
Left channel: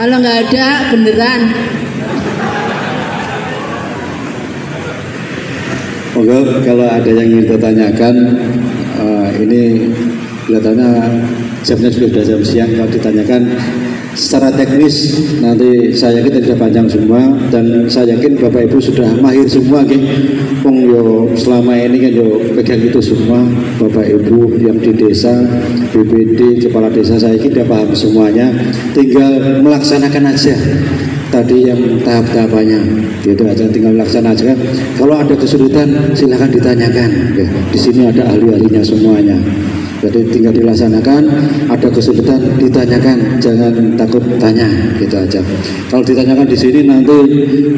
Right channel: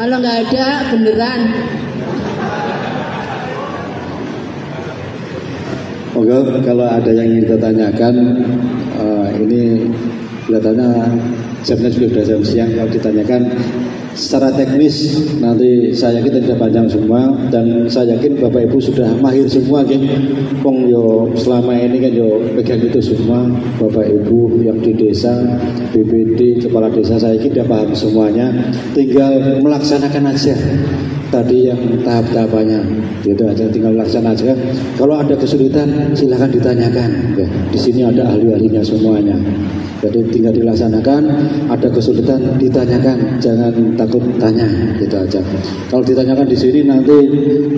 kalau nggak ada beneran. Monggo, kalau ada yang ingin ditanyakan, ini kelihatannya jamnya sudah jam siang. Kalau ditanyakan secara teknis nanti saya yakin tidak panjang semua, dan saya yakin Bapak Ibu sudah mahir semua nggih. Wong yo selama ini kan yo pegang itu semua. Bapak Ibu yang di desa, BPD, kepala desa, saya yakin dia paham semuanya. Tinggal melaksanakan aja tadi yang tahap-tahapannya, gitu aja, tinggal melaksanakan aja. Kalau ada kesulitan silahkan ditanyakan ya. Di sini ada ahli-ahlinya semuanya. Jadi tinggal dilaksanakan, ada kesulitan ditanyakan, jangan takut tanya, gitu aja. Kalau ditanyakan di sini nanti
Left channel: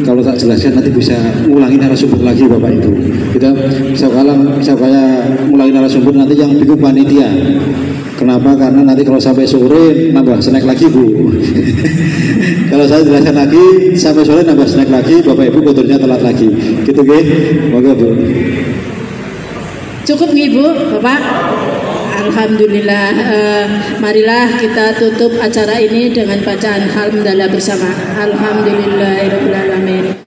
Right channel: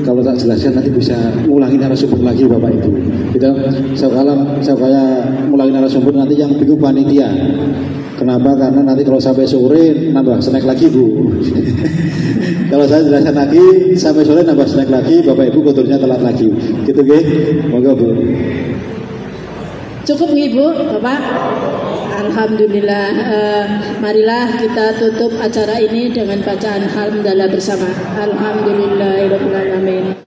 kalau tak jelaskan nanti bisa ngulangi narasumber lagi Bapak Ibu. Kita saya mulai narasumber nanti yang bingung panitia. Kenapa? Karena nanti kalau sampai sore nambah snack lagi Bu. Kalau saya jelaskan lagi sampai sore nambah snack lagi, Bapak Ibu kodurnya telat lagi. Gitu nggih. Moga Bu. Cukup nih Bu, Bapak. Alhamdulillah. Marilah kita tutup acara ini dengan bacaan hamdalah bersama. Alhamdulillahirabbil alamin.